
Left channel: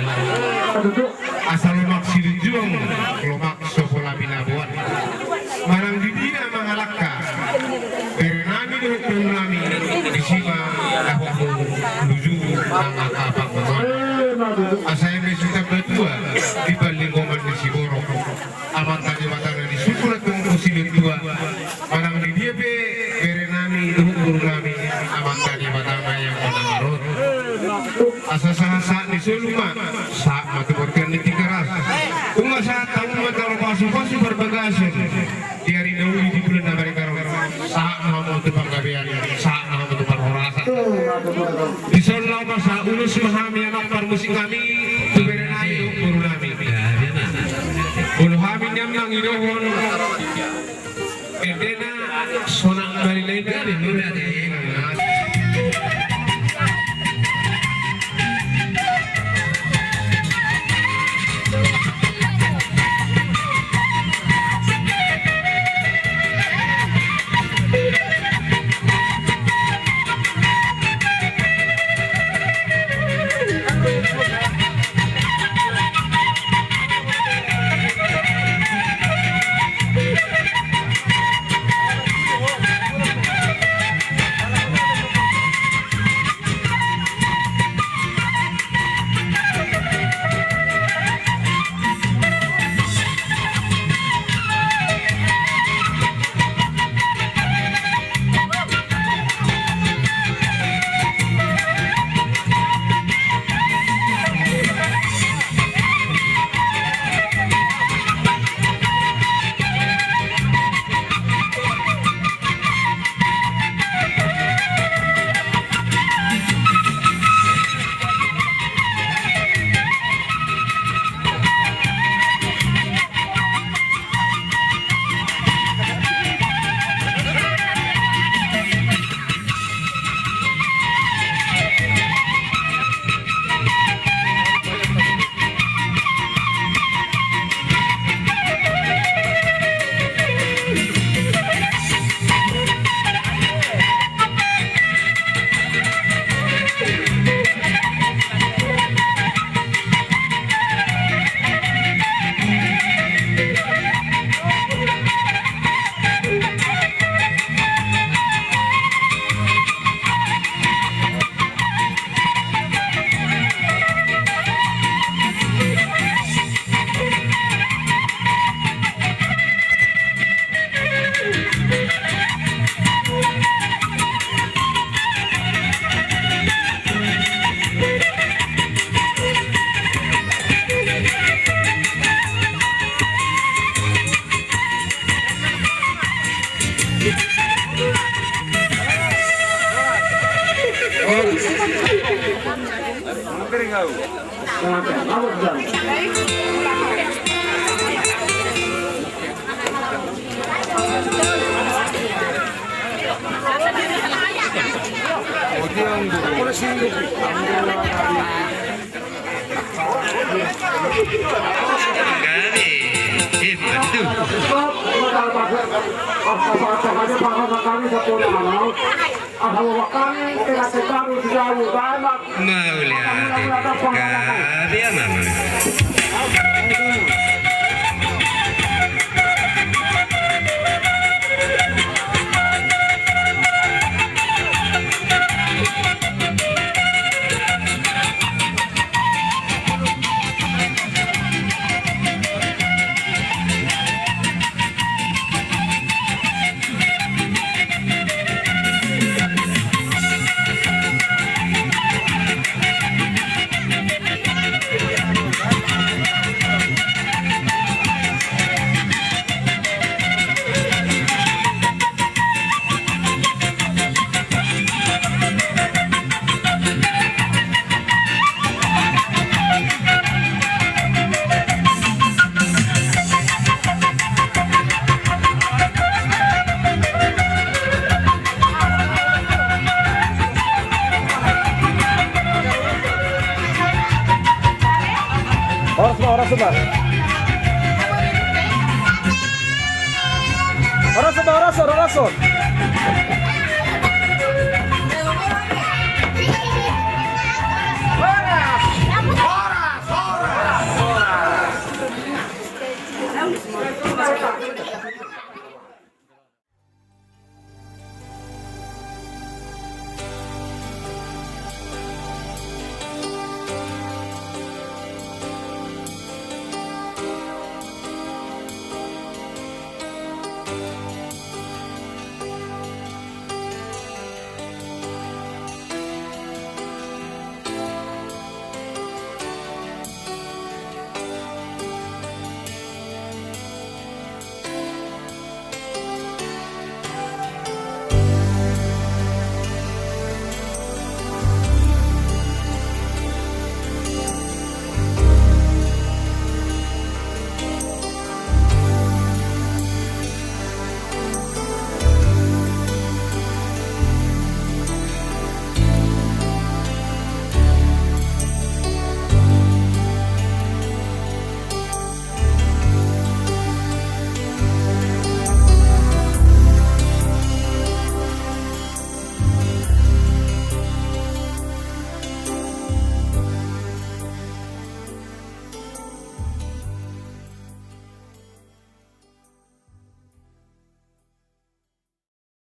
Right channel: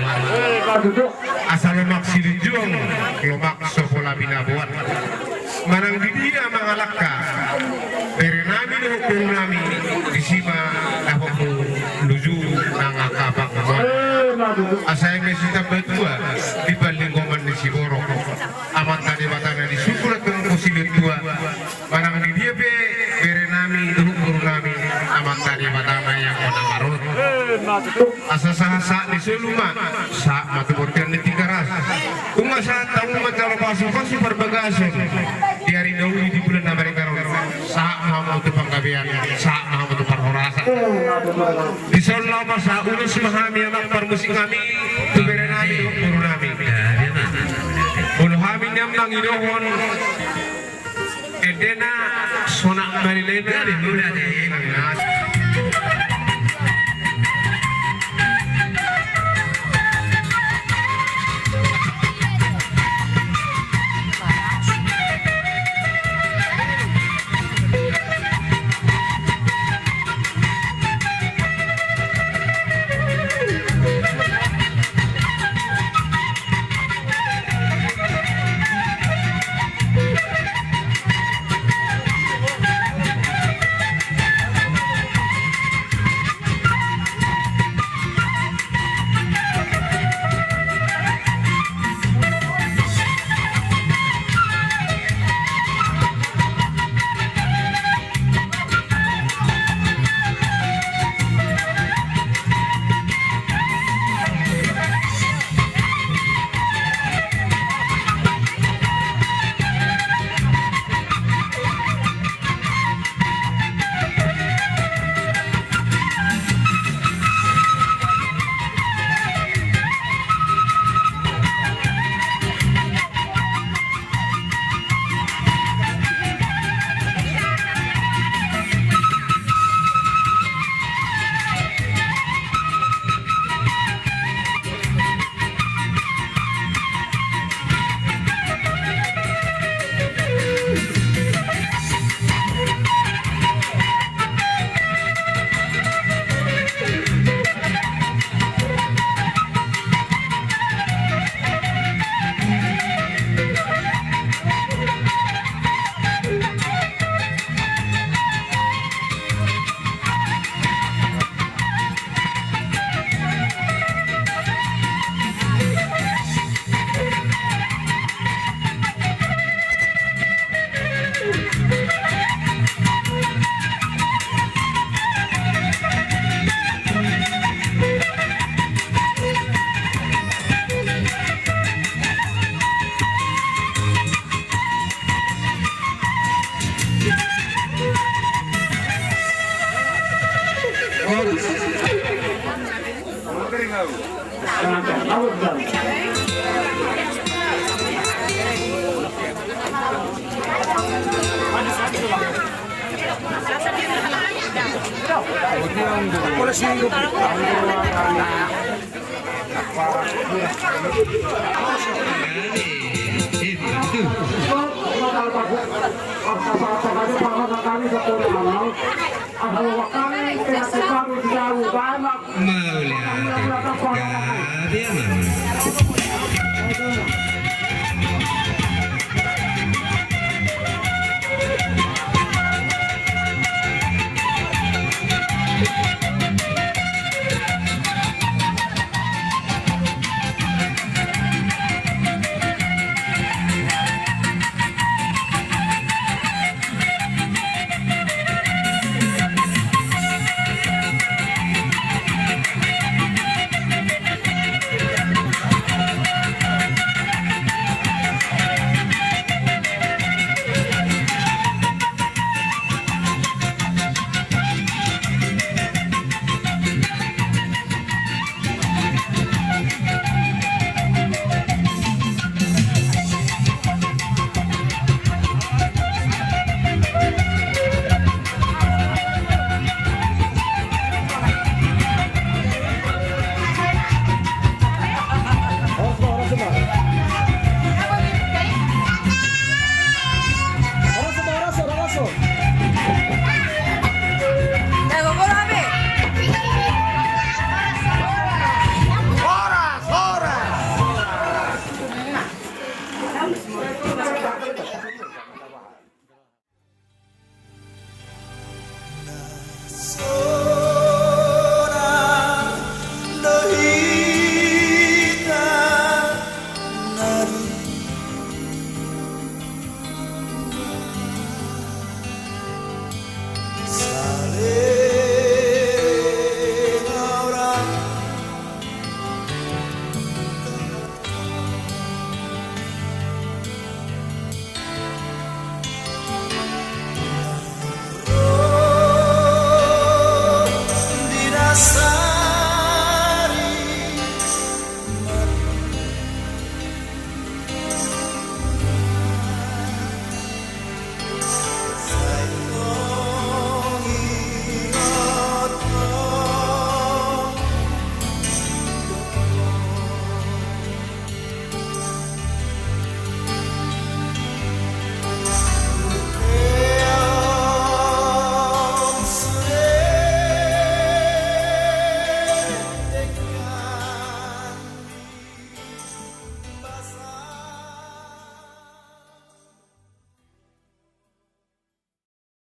asal lomak silijung lomak sopola binabuan manang dikira mangalaka berenami hukum nami disima ahoku luju nangakapang naman asay mesita berdua di balinggoman di Siborok amat tadi matana di sukulat ng posilit dua manang di dia be berenami hukum nami amat tadi matana yang konamarot asa-asa di suluma sa matuburkan di tikaras kung masa taong matalapaso-paso perbagasan di hari dahulu di bulan Amerika saat mau itu penggabian saat mau itu perhorasan di sana masa ulus memahami anak permusik kami itu berenami guru nami ulu kami nyamnang idohon edena sonak marilena di luar Stop! kami sa Puranaw. Ang hawakan, pinatiparo siya, ugamak. Mauli dia mama. Oras.